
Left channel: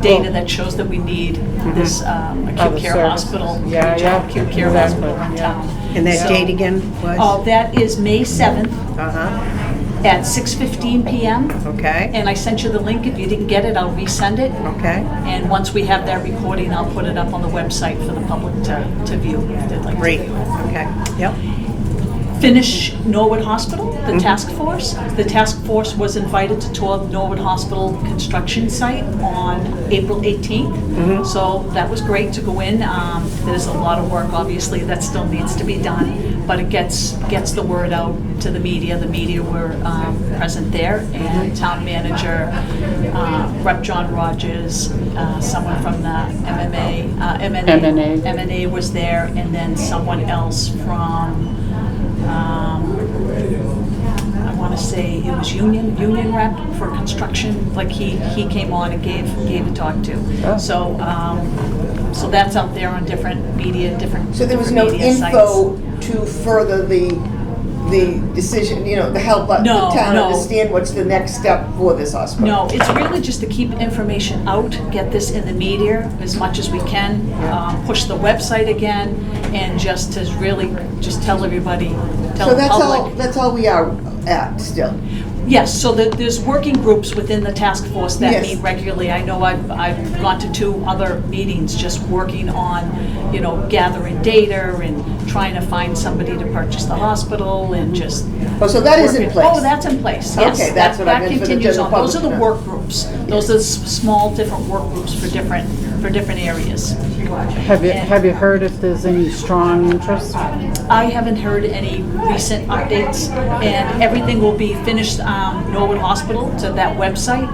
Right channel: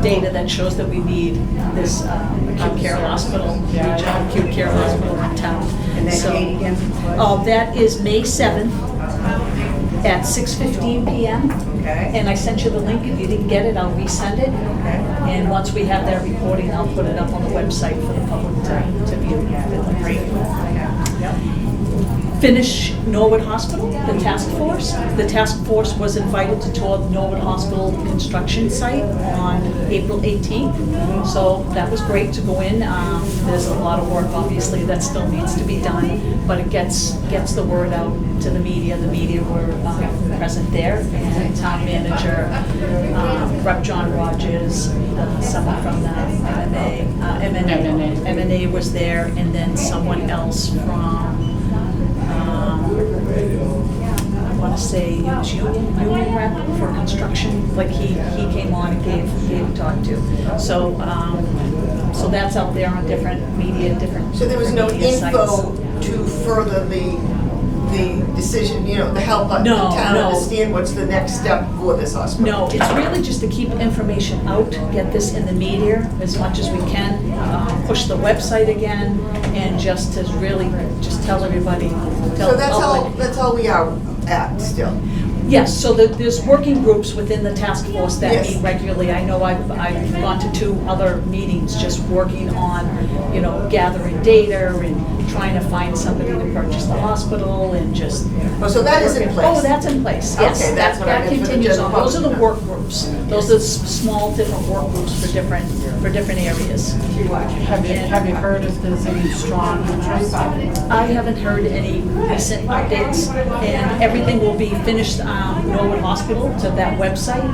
data that shows that we need this acute Other care services. hospital, Yeah, regional yeah. acute care Exactly. hospital in town. And that So- date again was? Oh, that is May 7th Uh-huh, at 6:15 p.m. okay, And I sent you the link. If you didn't get it, I'll resend it. okay. And once we have that recording, I'll put it up on the website for the public to view if they'd like to. Great, okay, yep. Finish Norwood Hospital, the task force. The task force was invited to tour the Norwood Hospital construction site on April 18th. So that was great to go in. There's a lot of work, obviously, that still needs to be done, but it gets the word out to the media. The media were present there, and town manager, Rep. John Rogers, someone from the MMA was there, and then someone else from I want to say it was union rep for construction, like he came on and gave a talk to. So that's out there on different media, different So there was no media sites. info to further the decision, to help the No, town no. understand what's the next step for this hospital? No, it's really just to keep information out, get this in the media as much as we can, push the website again, and just to really just tell everybody, tell So the public. that's all we are at still. Yes, so there's working groups within the task force that Yes. meet regularly. I know I've gone to 2 other meetings just working on, gathering data and trying to find somebody to purchase the hospital and just. Oh, so that is in working- place? Oh, that's in place, yes. Okay, that's what I meant for the That continues general on. Those are the public. work groups. Those are the small, different work groups for different areas. Have you heard if there's any strong interest? I haven't heard any recent updates, and everything will be finished, Norwood Hospital, to that website.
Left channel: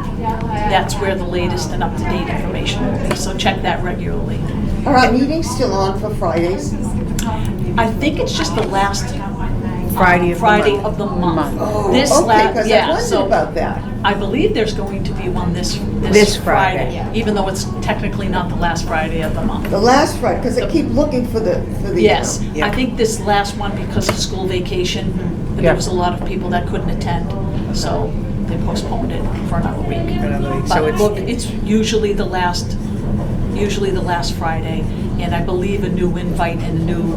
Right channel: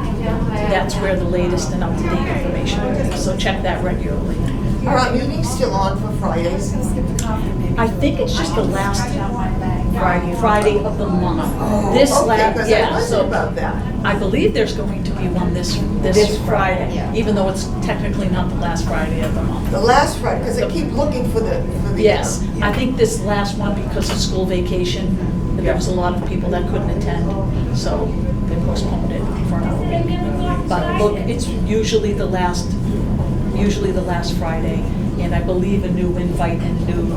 That's where the latest and up-to-date information will be, so check that regularly. Are our meetings still on for Fridays? I think it's just the last Friday of the month. Oh, This okay, because I yeah, wondered so about that. I believe there's going to be one this This Friday, Friday. even though it's technically not the last Friday of the month. The last Friday, because I keep looking for the. Yes, Yeah. I think this last one, because of school vacation, there Yeah. was a lot of people that couldn't attend, so they postponed it for another week. So But it's- look, it's usually the last Friday, and I believe a new invite and a new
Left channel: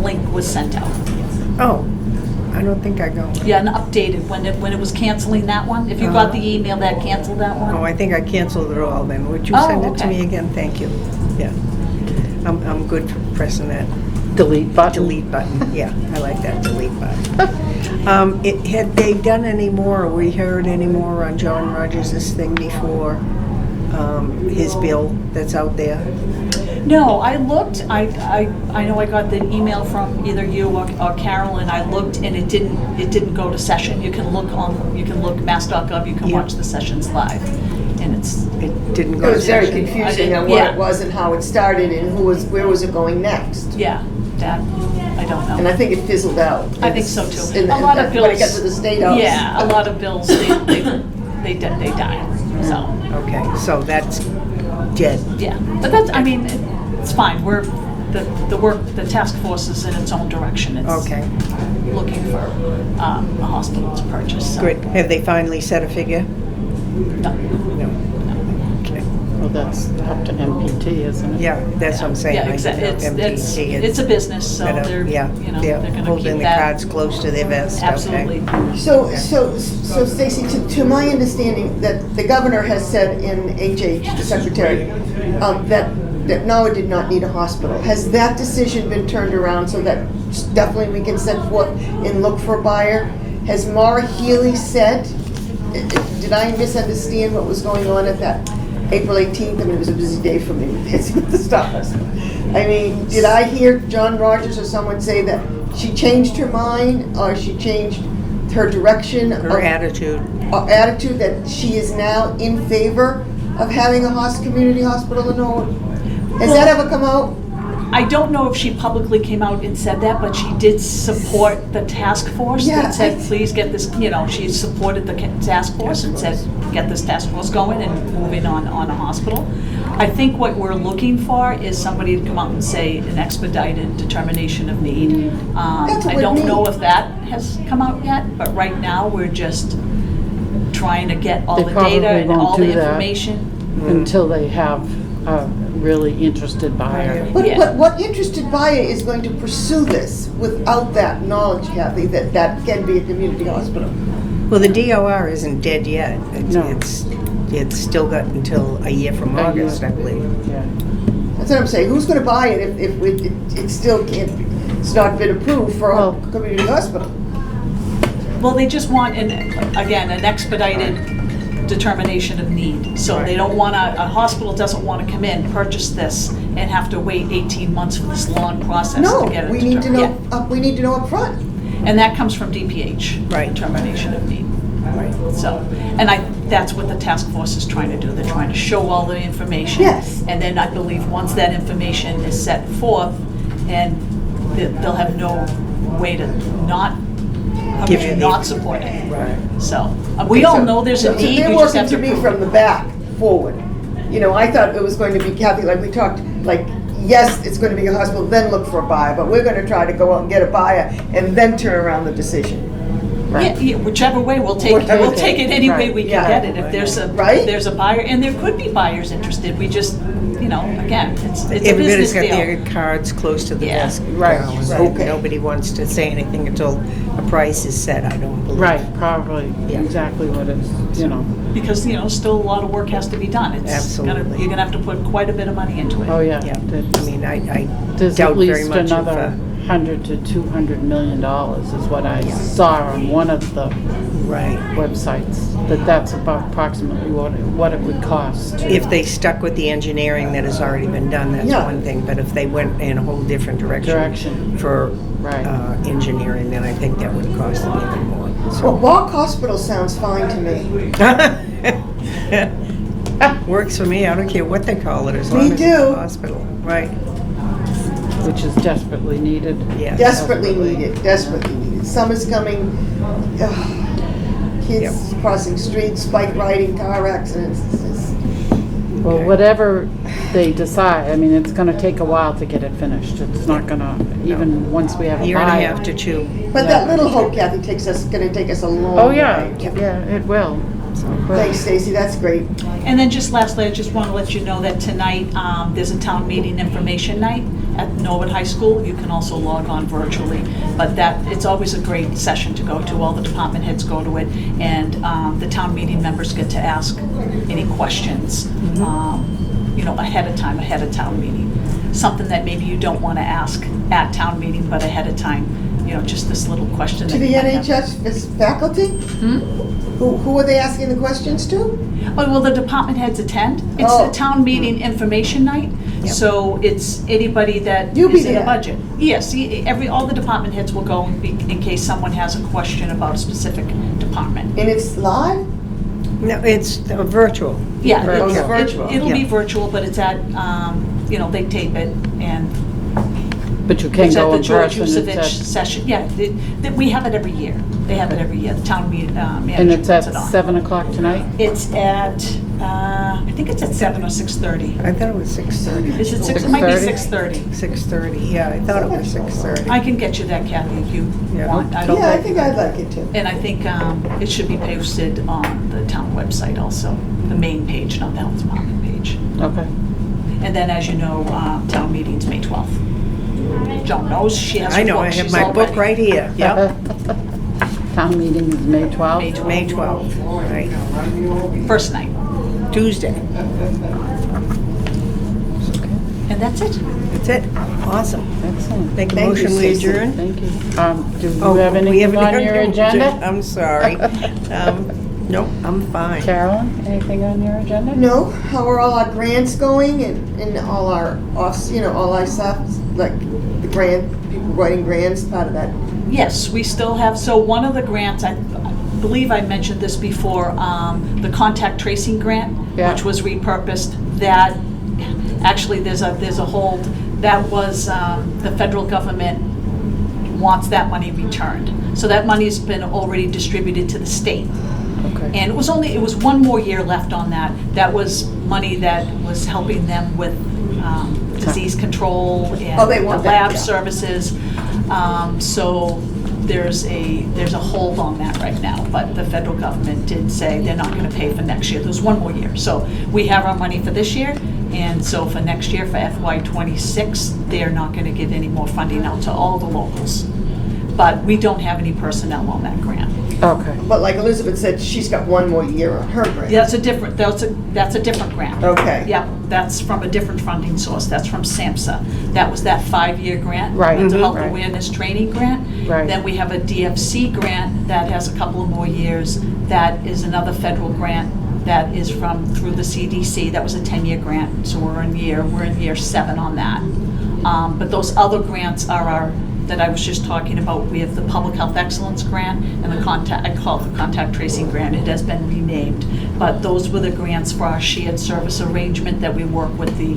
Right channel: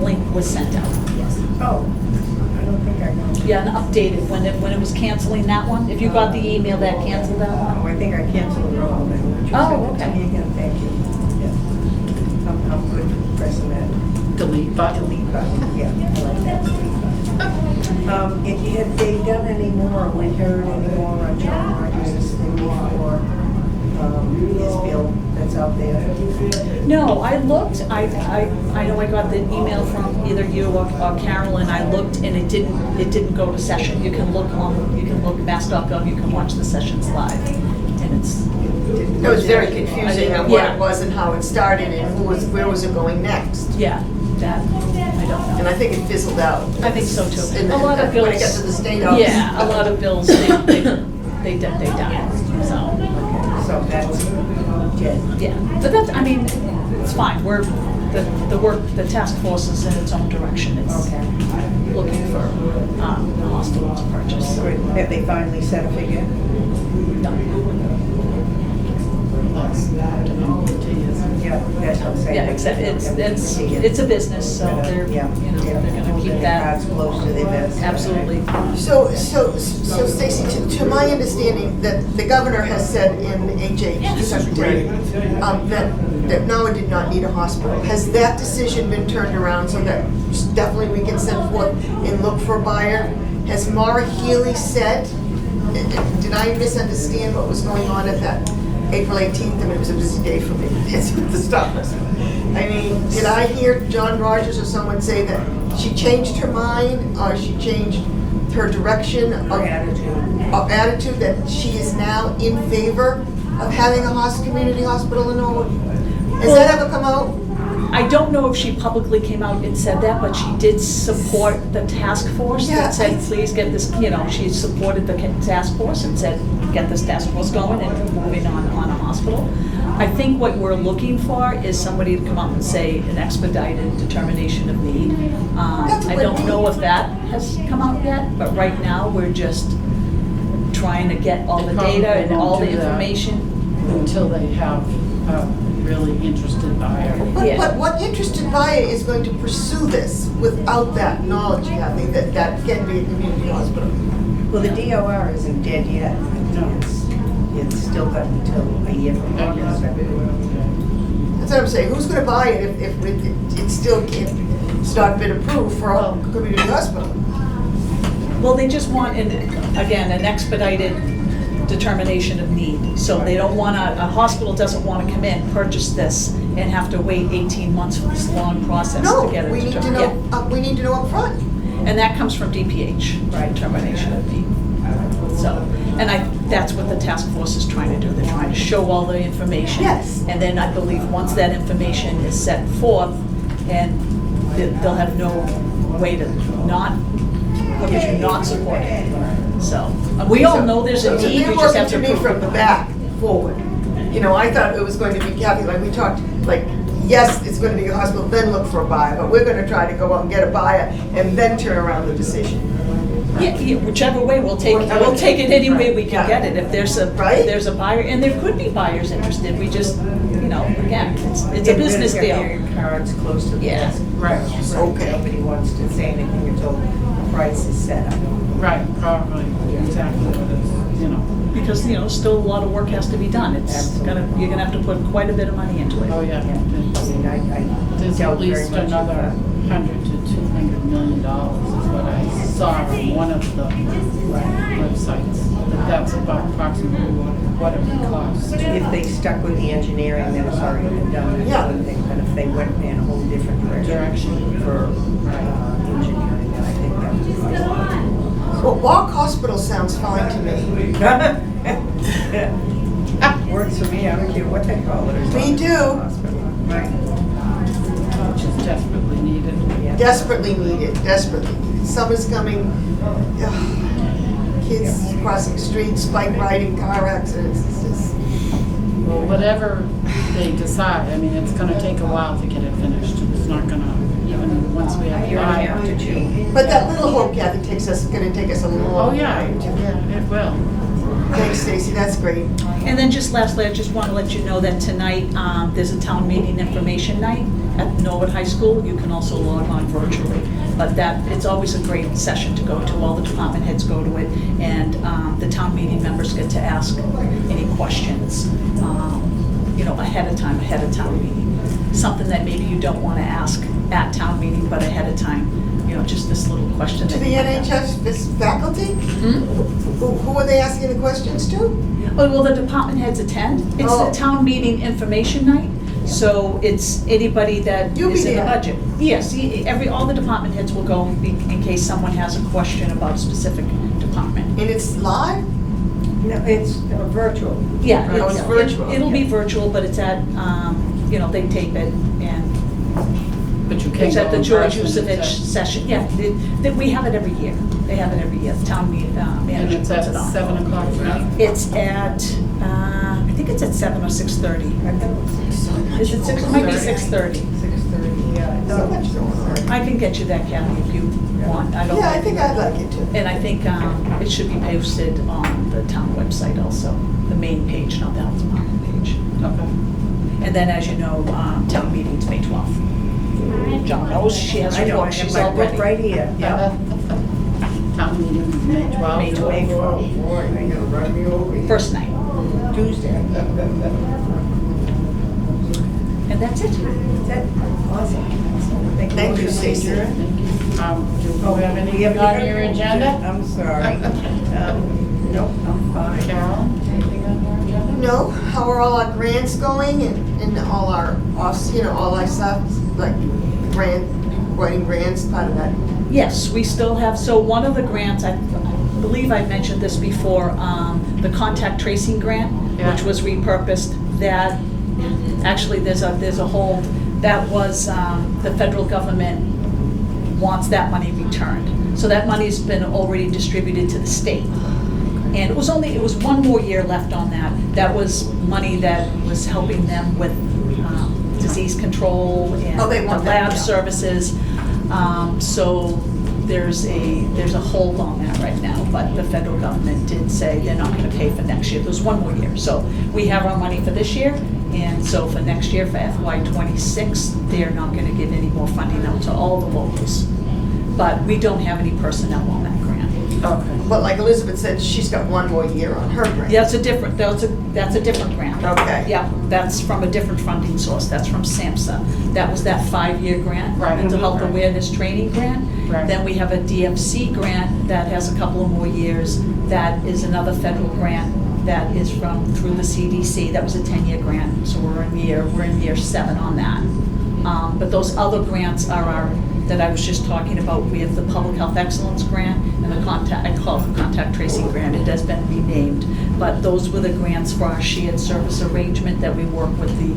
link was sent out. Oh, I don't think I got one. Yeah, and updated when it was canceling that one. If you got the email that canceled that Oh, one. I think I canceled it all then. Would you Oh, send it to okay. me again? Thank you. Yeah. I'm good for pressing that Delete button? delete button. Yeah, I like that delete button. Had they done any more, or we heard any more on John Rogers' thing before, his bill that's out there? No, I looked, I know I got the email from either you or Carol, and I looked, and it didn't go to session. You can look mass.gov, you can Yeah. watch the sessions live, and it's, It didn't It go was to very session. confusing on what Yeah. it was and how it started and where was it going next. yeah, that, I don't And know. I think it fizzled out. I think so too. And A lot of bills. When it got to the state office. Yeah, a lot of bills, they died, so, Okay, so that's dead. yeah. But that's, I mean, it's fine, the task force is in its own direction. It's Okay, looking for a hospital to purchase. so. good. Have they finally set a figure? No. Okay. Well, that's up to MPT, isn't it? Yeah, that's what I'm saying. Yeah, I think exactly. MPT is It's a business, so better. they're, Yeah, they're gonna holding keep the that. cards close to their vest. okay. Absolutely. So Stacy, to my understanding, that the governor has said in HH, the secretary, that Norwood did not need a hospital. Has that decision been turned around so that definitely we can send forth and look for a buyer? Has Maura Healy said, did I misunderstand what was going on at that April 18th? I mean, it was a busy day for me with Dancing with the Stars. I mean, did I hear John Rogers or someone say that she changed her mind or she changed her direction? Her attitude. Attitude that she is now in favor of having a community hospital in Norwood? Has that ever come out? I don't know if she publicly came out and said that, but she did support the task force Yeah, that said, please get this, she supported the task force and said, get this task force going and moving on a hospital. I think what we're looking for is somebody to come out and say an expedited determination of need. That's what I we don't know need. if that has come out yet, but right now, we're just trying to get all They the data probably and all won't the do that. information. Until they have a really interested buyer. Yeah. But what interested buyer is going to pursue this without that knowledge, Kathy, that that can be a community hospital? Well, the DOR isn't dead yet. No. It's still got until a year from August, I believe. Yeah. That's what I'm saying. Who's going to buy it if it still can't, it's not been approved for a Well- community hospital? Well, they just want, an expedited determination of need. So they don't want a hospital doesn't want to come in, purchase this, and have to wait 18 months for this long process No, to get it. we need to know, Yeah. we need to know upfront. And that comes from DPH. Right. Determination of need. So, and that's what the task force is trying to do. They're trying to show all the information. Yes. And then I believe once that information is set forth, and they'll have no way to not, Give you the- not support it. So, we all know there's a So need, they're we just working have to to me prove from the it. back forward. I thought it was going to be, Kathy, like we talked, like, yes, it's going to be a hospital, then look for a buyer, but we're going to try to go out and get a buyer and then turn around the decision. Yeah, whichever way, we'll take it any way we can Yeah. get it. If Right? there's a buyer, and there could be buyers interested, we just, again, it's a Everybody's business got deal. their cards close to the Yeah. desk. Right, So okay. nobody wants to say anything until a price is set, I don't believe. Right, probably Yeah. exactly what it's, you know. Because, still a lot of work has to be done. Absolutely. You're gonna have to put quite a bit of money into it. Oh, yeah. Yeah, I mean, I There's doubt at very least much another $100 to $200 million is what I saw on one of the right. websites, that's about approximately what it would cost. If they stuck with the engineering that has already been done, that's Yeah. one thing, but if they went in a whole different direction Direction. for Right. engineering, then I think that would cost a little more. Well, Bach Hospital sounds fine to me. Works for me, I don't care what they call it, as Me long as it's too. a hospital. Right, Which is desperately needed. yeah. Desperately needed, desperately needed. Summer's coming, kids crossing streets, bike riding, car accidents, it's just, Well, whatever they decide, I mean, it's gonna take a while to get it finished. It's not gonna, even once we have a Year and a buy. half to chew. but that little hope, Kathy, gonna take us a long way. Oh, yeah, it will. Thanks, Stacy, that's great. And then just lastly, I just want to let you know that tonight, there's a town meeting information night at Norwood High School. You can also log on virtually. But it's always a great session to go to. All the department heads go to it. And the town meeting members get to ask any questions, ahead of town meeting. Something that maybe you don't want to ask at town meeting, but ahead of time, just this little question. To that the you might have. NHS faculty? Who are they asking the questions to? Oh, well, the department heads attend. It's Oh. the town meeting information night, Yep. so it's anybody that You'll be is in the there. budget. Yes, all the department heads will go in case someone has a question about a specific department. And it's live? No, it's virtual. Yeah, Virtual. it's- Oh, it's virtual. it'll be Yeah. virtual, but it's at, they tape it, and But you can't it's at go the in George person. it's Yusevich at- session. Yeah, we have it every year. They have it every year. The town And manager it's at puts it on. 7 o'clock tonight? It's at, I think it's at 7 or 6:30. I thought it was 6:30. Is it 6? It might be 6:30? 6:30. 6:30, yeah, I thought it was 6:30. I can get you that, Kathy, if you Yeah. want. Yeah, I think I'd like it too. And I think it should be posted on the town website also, the main page, not the health department page. Okay. And then, as you know, town meeting's May 12th. Joan knows, she has I her know, book, I have she's my all book ready. right here. Yep. Town meeting is May 12th? May 12th, right. First night. Tuesday. And that's it. That's it. Awesome. Excellent. Make a Thank you, motion, we Stacy. adjourn. Thank you. Do Oh, you have we anything haven't on done your the- agenda? I'm sorry. No, I'm fine. Carolyn, anything on your agenda? No, how are all our grants going and all our all our stuff, like the grant, people writing grants, part of that? Yes, we still have, so one of the grants, I believe I mentioned this before, the contact tracing grant, Yeah. which was repurposed, that, actually, there's a hold, that was, the federal government wants that money returned. So that money's been already distributed to the state. Okay. And it was one more year left on that. That was money that was helping them with disease control and Oh, they the want that, lab yeah. services. So there's a hold on that right now, but the federal government did say they're not gonna pay for next year. There's one more year. So we have our money for this year, and so for next year, for FY '26, they're not gonna give any more funding out to all the locals. But we don't have any personnel on that grant. Okay. But like Elizabeth said, she's got one more year on her grant. Yeah, that's a different grant. Okay. Yep, that's from a different funding source, that's from SAMHSA. That was that 5-year grant. Right. Mental Mhm. Health Right. Awareness Training Grant. Right. Then we have a DFC grant that has a couple of more years. That is another federal grant that is through the CDC. That was a 10-year grant, so we're in year 7 on that. But those other grants are that I was just talking about. We have the Public Health Excellence Grant and I call it the Contact Tracing Grant. It has been renamed. But those were the grants for our shared service arrangement that we work with the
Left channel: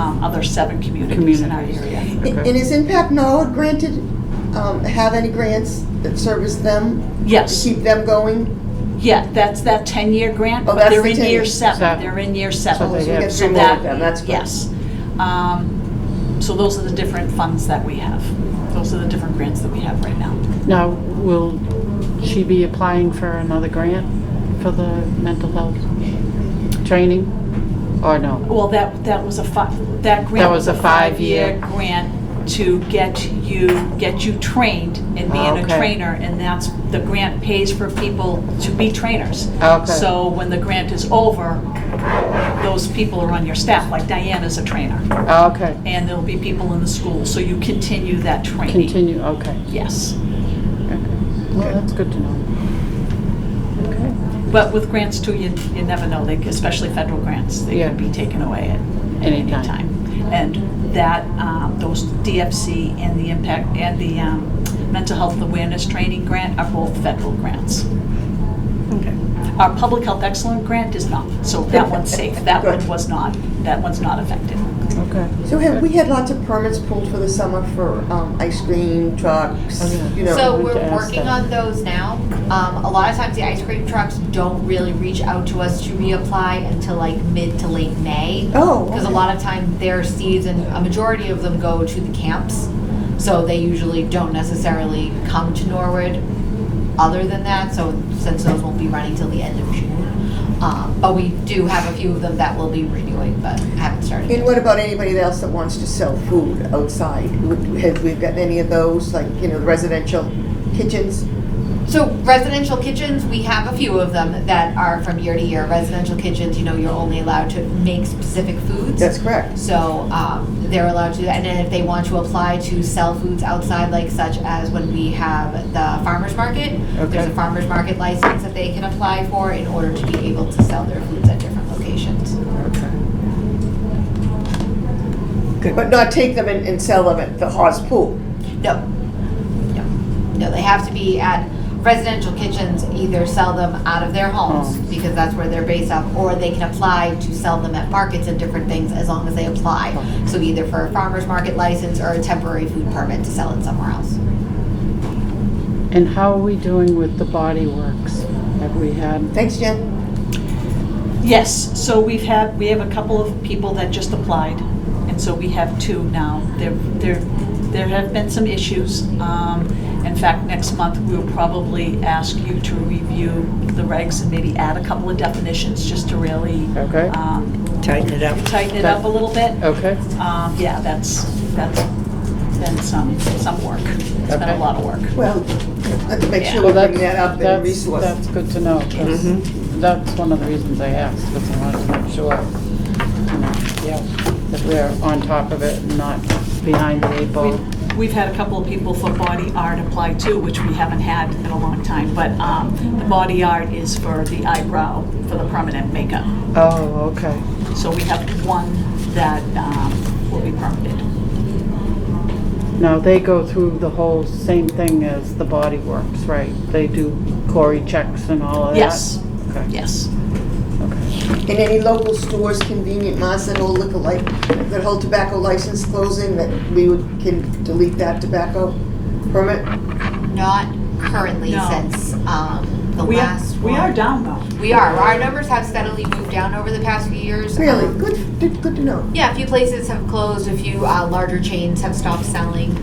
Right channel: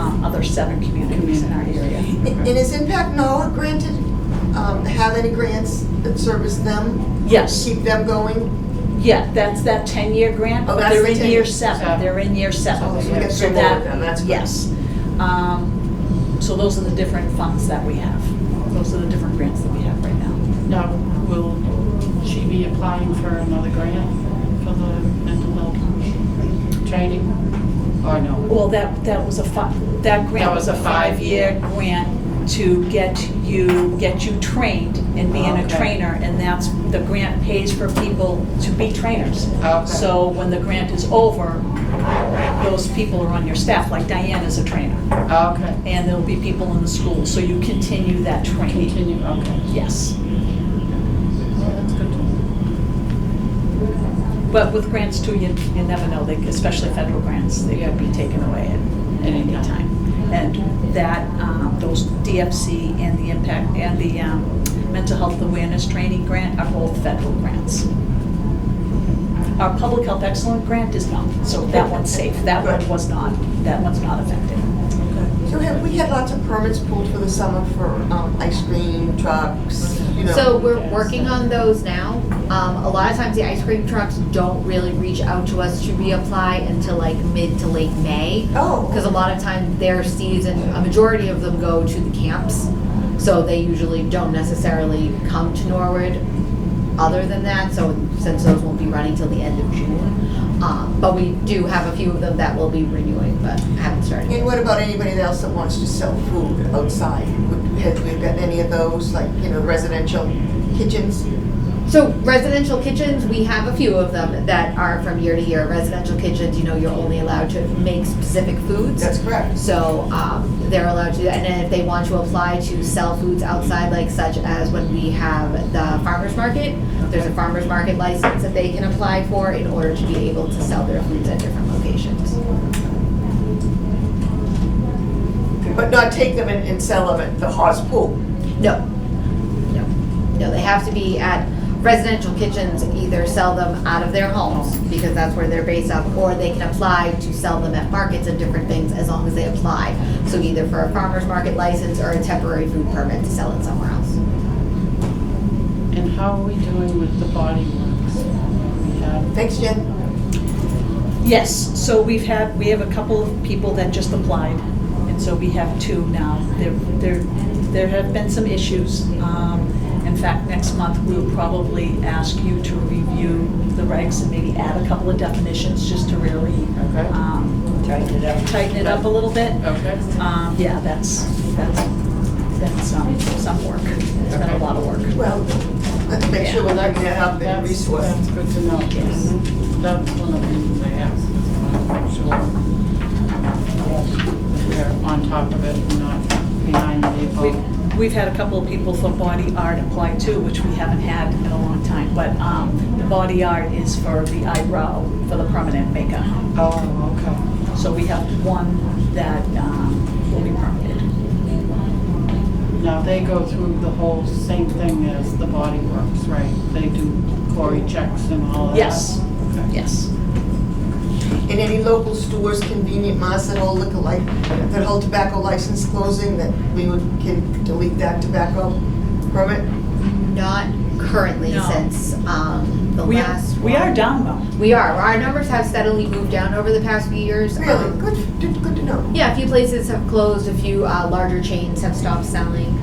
other 7 communities in our area. And is Impact Norwood granted, have any grants that service them? Yes. To keep them going? Yeah, that's that 10-year grant, Oh, but that's they're the in 10 year years. 7. They're in year 7. So we get So 3 more that- of them, that's good. Yes. So those are the different funds that we have. Those are the different grants that we have right now. Now, will she be applying for another grant for the mental health training? Or no? Well, that was that grant was was a a 5-year. 5-year grant to get you trained and being a Okay. trainer, and that's, the grant pays for people to be trainers. Okay. So when the grant is over, those people are on your staff, like Diana's a trainer, Okay, and there'll be people in the school, so you continue that training. continue, okay. Yes. Well, that's good to know. But with grants too, you never know, they, especially federal grants, they Yeah. could be taken away at any Anytime. time. And that, those DFC and the impact, and the mental health awareness training grant are both federal grants. Our public health excellent grant is not, so that one's safe. That one was not, that one's not affected. Okay. So have we had lots of permits pulled for the summer for ice cream trucks, you know? So we we're could ask working that. on those now. A lot of times the ice cream trucks don't really reach out to us to reapply until like mid to late May. Oh, Because a lot of times their season, a majority of them go to the camps. So they usually don't necessarily come to Norwood other than that, so since those won't be running till the end of June. But we do have a few of them that will be renewing, but haven't started. And what about anybody else that wants to sell food outside? Have we got any of those, like, you know, residential kitchens? So residential kitchens, we have a few of them that are from year to year. Residential kitchens, you know, you're only allowed to make specific foods. That's correct. So they're allowed to, and then if they want to apply to sell foods outside, like such as when we have the farmer's market, there's a Okay. farmer's market license that they can apply for in order to be able to sell their foods at different locations. But not take them and sell them at the Haas Pool? No, no, no, they have to be at residential kitchens, either sell them out of their homes, because that's where they're based off, or they can apply to sell them at markets and different things as long as they apply. So either for a farmer's market license or a temporary food permit to sell it somewhere else. And how are we doing with the Body Works? Have we had, Thanks, Jen. Yes, so we have a couple of people that just applied, and so we have two now. There have been some issues. In fact, next month, we'll probably ask you to review the regs and maybe add a couple of definitions just to really okay, Tighten it up. tighten it up a little bit. okay, Yeah, that's been some work. It's been a Okay. lot of work. Well, let's make sure well, we're that's, bringing that up in that's, resource. that's good to know, 'cause that's one of the reasons I asked, because I wanted to make sure, yeah, that we're on top of it, not behind the eight ball. We've had a couple of people for body art apply too, which we haven't had in a long time, but the body art is for the eyebrow, for the permanent makeup. Oh, okay. So we have one that will be permitted. Now, they go through the whole same thing as the Body Works, right? They do Cory checks and all of that? Yes, Okay. yes. In any local stores, convenient marts that hold liquor that hold tobacco license closing, that can delete that tobacco permit? Not currently No. since the We last we one. are down though. We are. Our numbers have steadily moved down over the past few years. Really? Good to know. Yeah, a few places have closed, a few larger chains have stopped selling,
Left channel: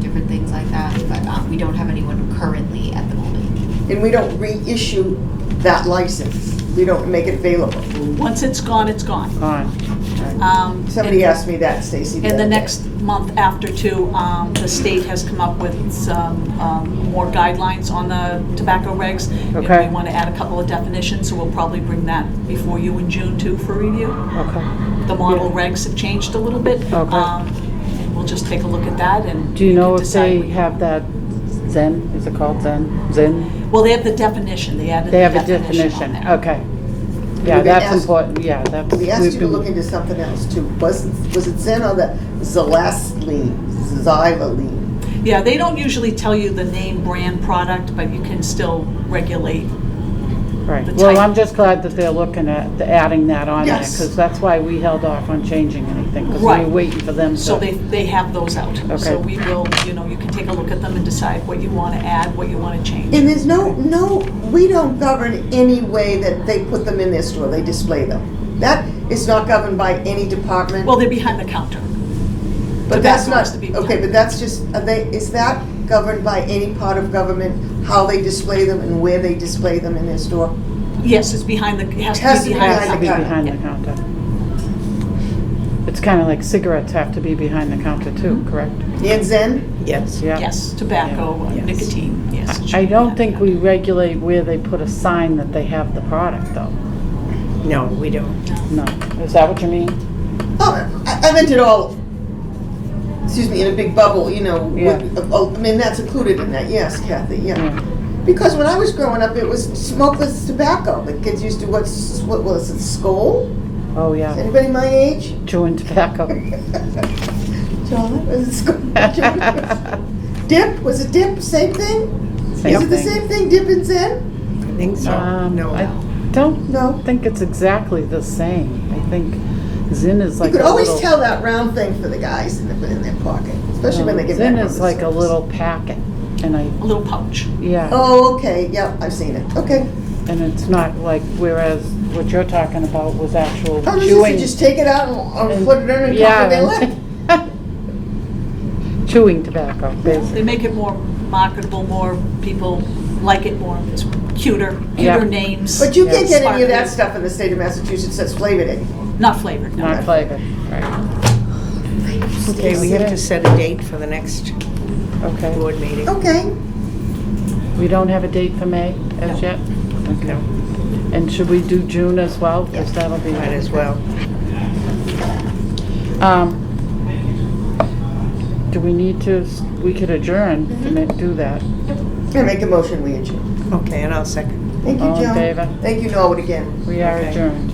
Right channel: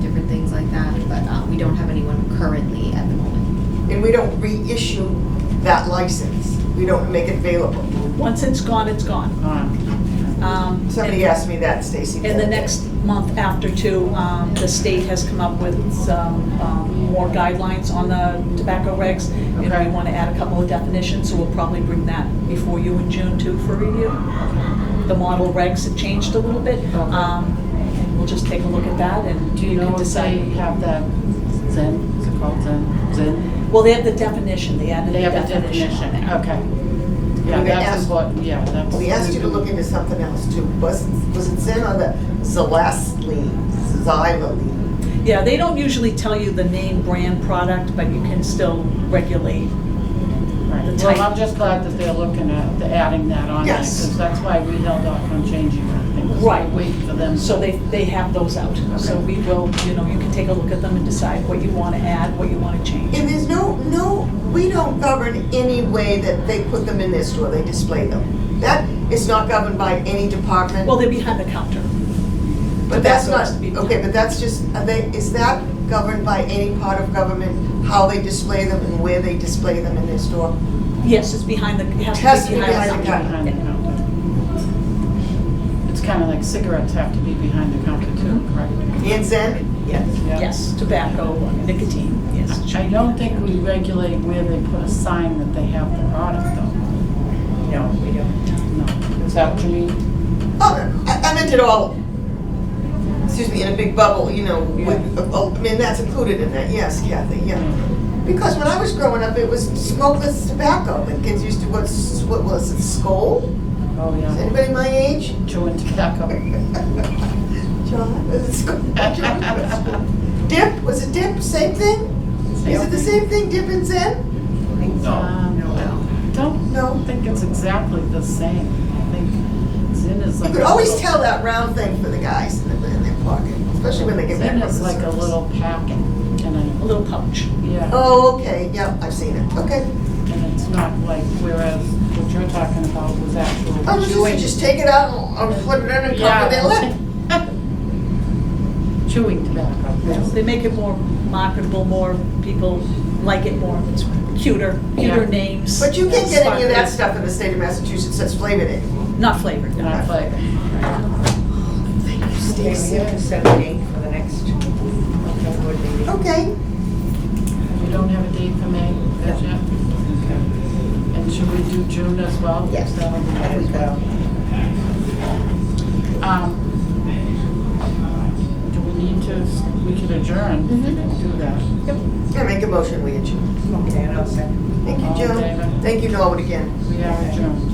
different things like that, but we don't have anyone currently at the moment. And we don't reissue that license. We don't make it available. Once it's gone, it's gone. On. Somebody and- asked me that, Stacy. In the other day. next month after too, the state has come up with some more guidelines on the tobacco regs. Okay. And we want to add a couple of definitions, so we'll probably bring that before you in June too for review. Okay. The model regs have changed a little bit. Okay. And we'll just take a look at that and Do you know can if they decide. have that Zen, is it called Zen? Zen? Well, they have the definition, they added the They have a definition on definition, there. okay. Yeah, We that's asked- important, yeah, that's. We asked we've you to been- look into something else too. Was it Zen or the Xylaline? Yeah, they don't usually tell you the name brand product, but you can still regulate. Right, the well, type. I'm just glad that they're looking at, adding that on there, Yes. because that's why we held off on changing anything, because we Right. were waiting for them to. So they have those out. So Okay. we will, you can take a look at them and decide what you want to add, what you want to change. And there's we don't govern any way that they put them in their store, they display them. That is not governed by any department. Well, they're behind the counter. But that's tobacco not, has to be okay, but that's just, is that governed by any part of government, how they display them and where they display them in their store? Yes, it's behind the, it has Has to to be be behind behind the the Be counter. behind the counter. It's kind of like cigarettes have to be behind the counter too, correct? And Zen? Yes. Yeah. Yes, tobacco, Yes. nicotine, yes. it should I be don't that. think we regulate where they put a sign that they have the product though. No, we don't. No. Is that what you mean? Oh, I meant it all, excuse me, in a big bubble, you know, Yeah. I mean, that's included in that, yes, Kathy, yeah. Yeah. Because when I was growing up, it was smokeless tobacco. The kids used to, what was it, Skoal? Oh, Is yeah. anybody my age? Chewing tobacco. John, was it Skoal? Dip, was it Dip, same thing? Same Is it the thing. same thing, Dip and Zen? I think so. No. I don't No. think it's exactly the same. I think Zin is You like could a always little- tell that round thing for the guys in their pocket, especially when they get back Zin from is the like a service. little packet, and I, A little pouch. yeah, Oh, okay, yeah, I've seen it, okay. and it's not like, whereas what you're talking about was actual Oh, this chewing. is just take it out and put it in and Yeah, cover their lip. Chewing tobacco, basically. They make it more marketable, more people like it more, it's cuter Yeah. names. But you can't get any of that Sparkly. stuff in the state of Massachusetts that's flavored in. Not flavored, no. Not flavored, right. Okay, we have to set a date for the next Okay. board meeting. Okay, We don't have a date for May as yet? No, And should we do June as well? Yes. Because that'll be that as well. Do we need to, we could adjourn and do that. I make a motion, we adjourn. Okay, and I'll second. Thank you, All in Joe. favor? Thank you, Norwood, again. We are adjourned.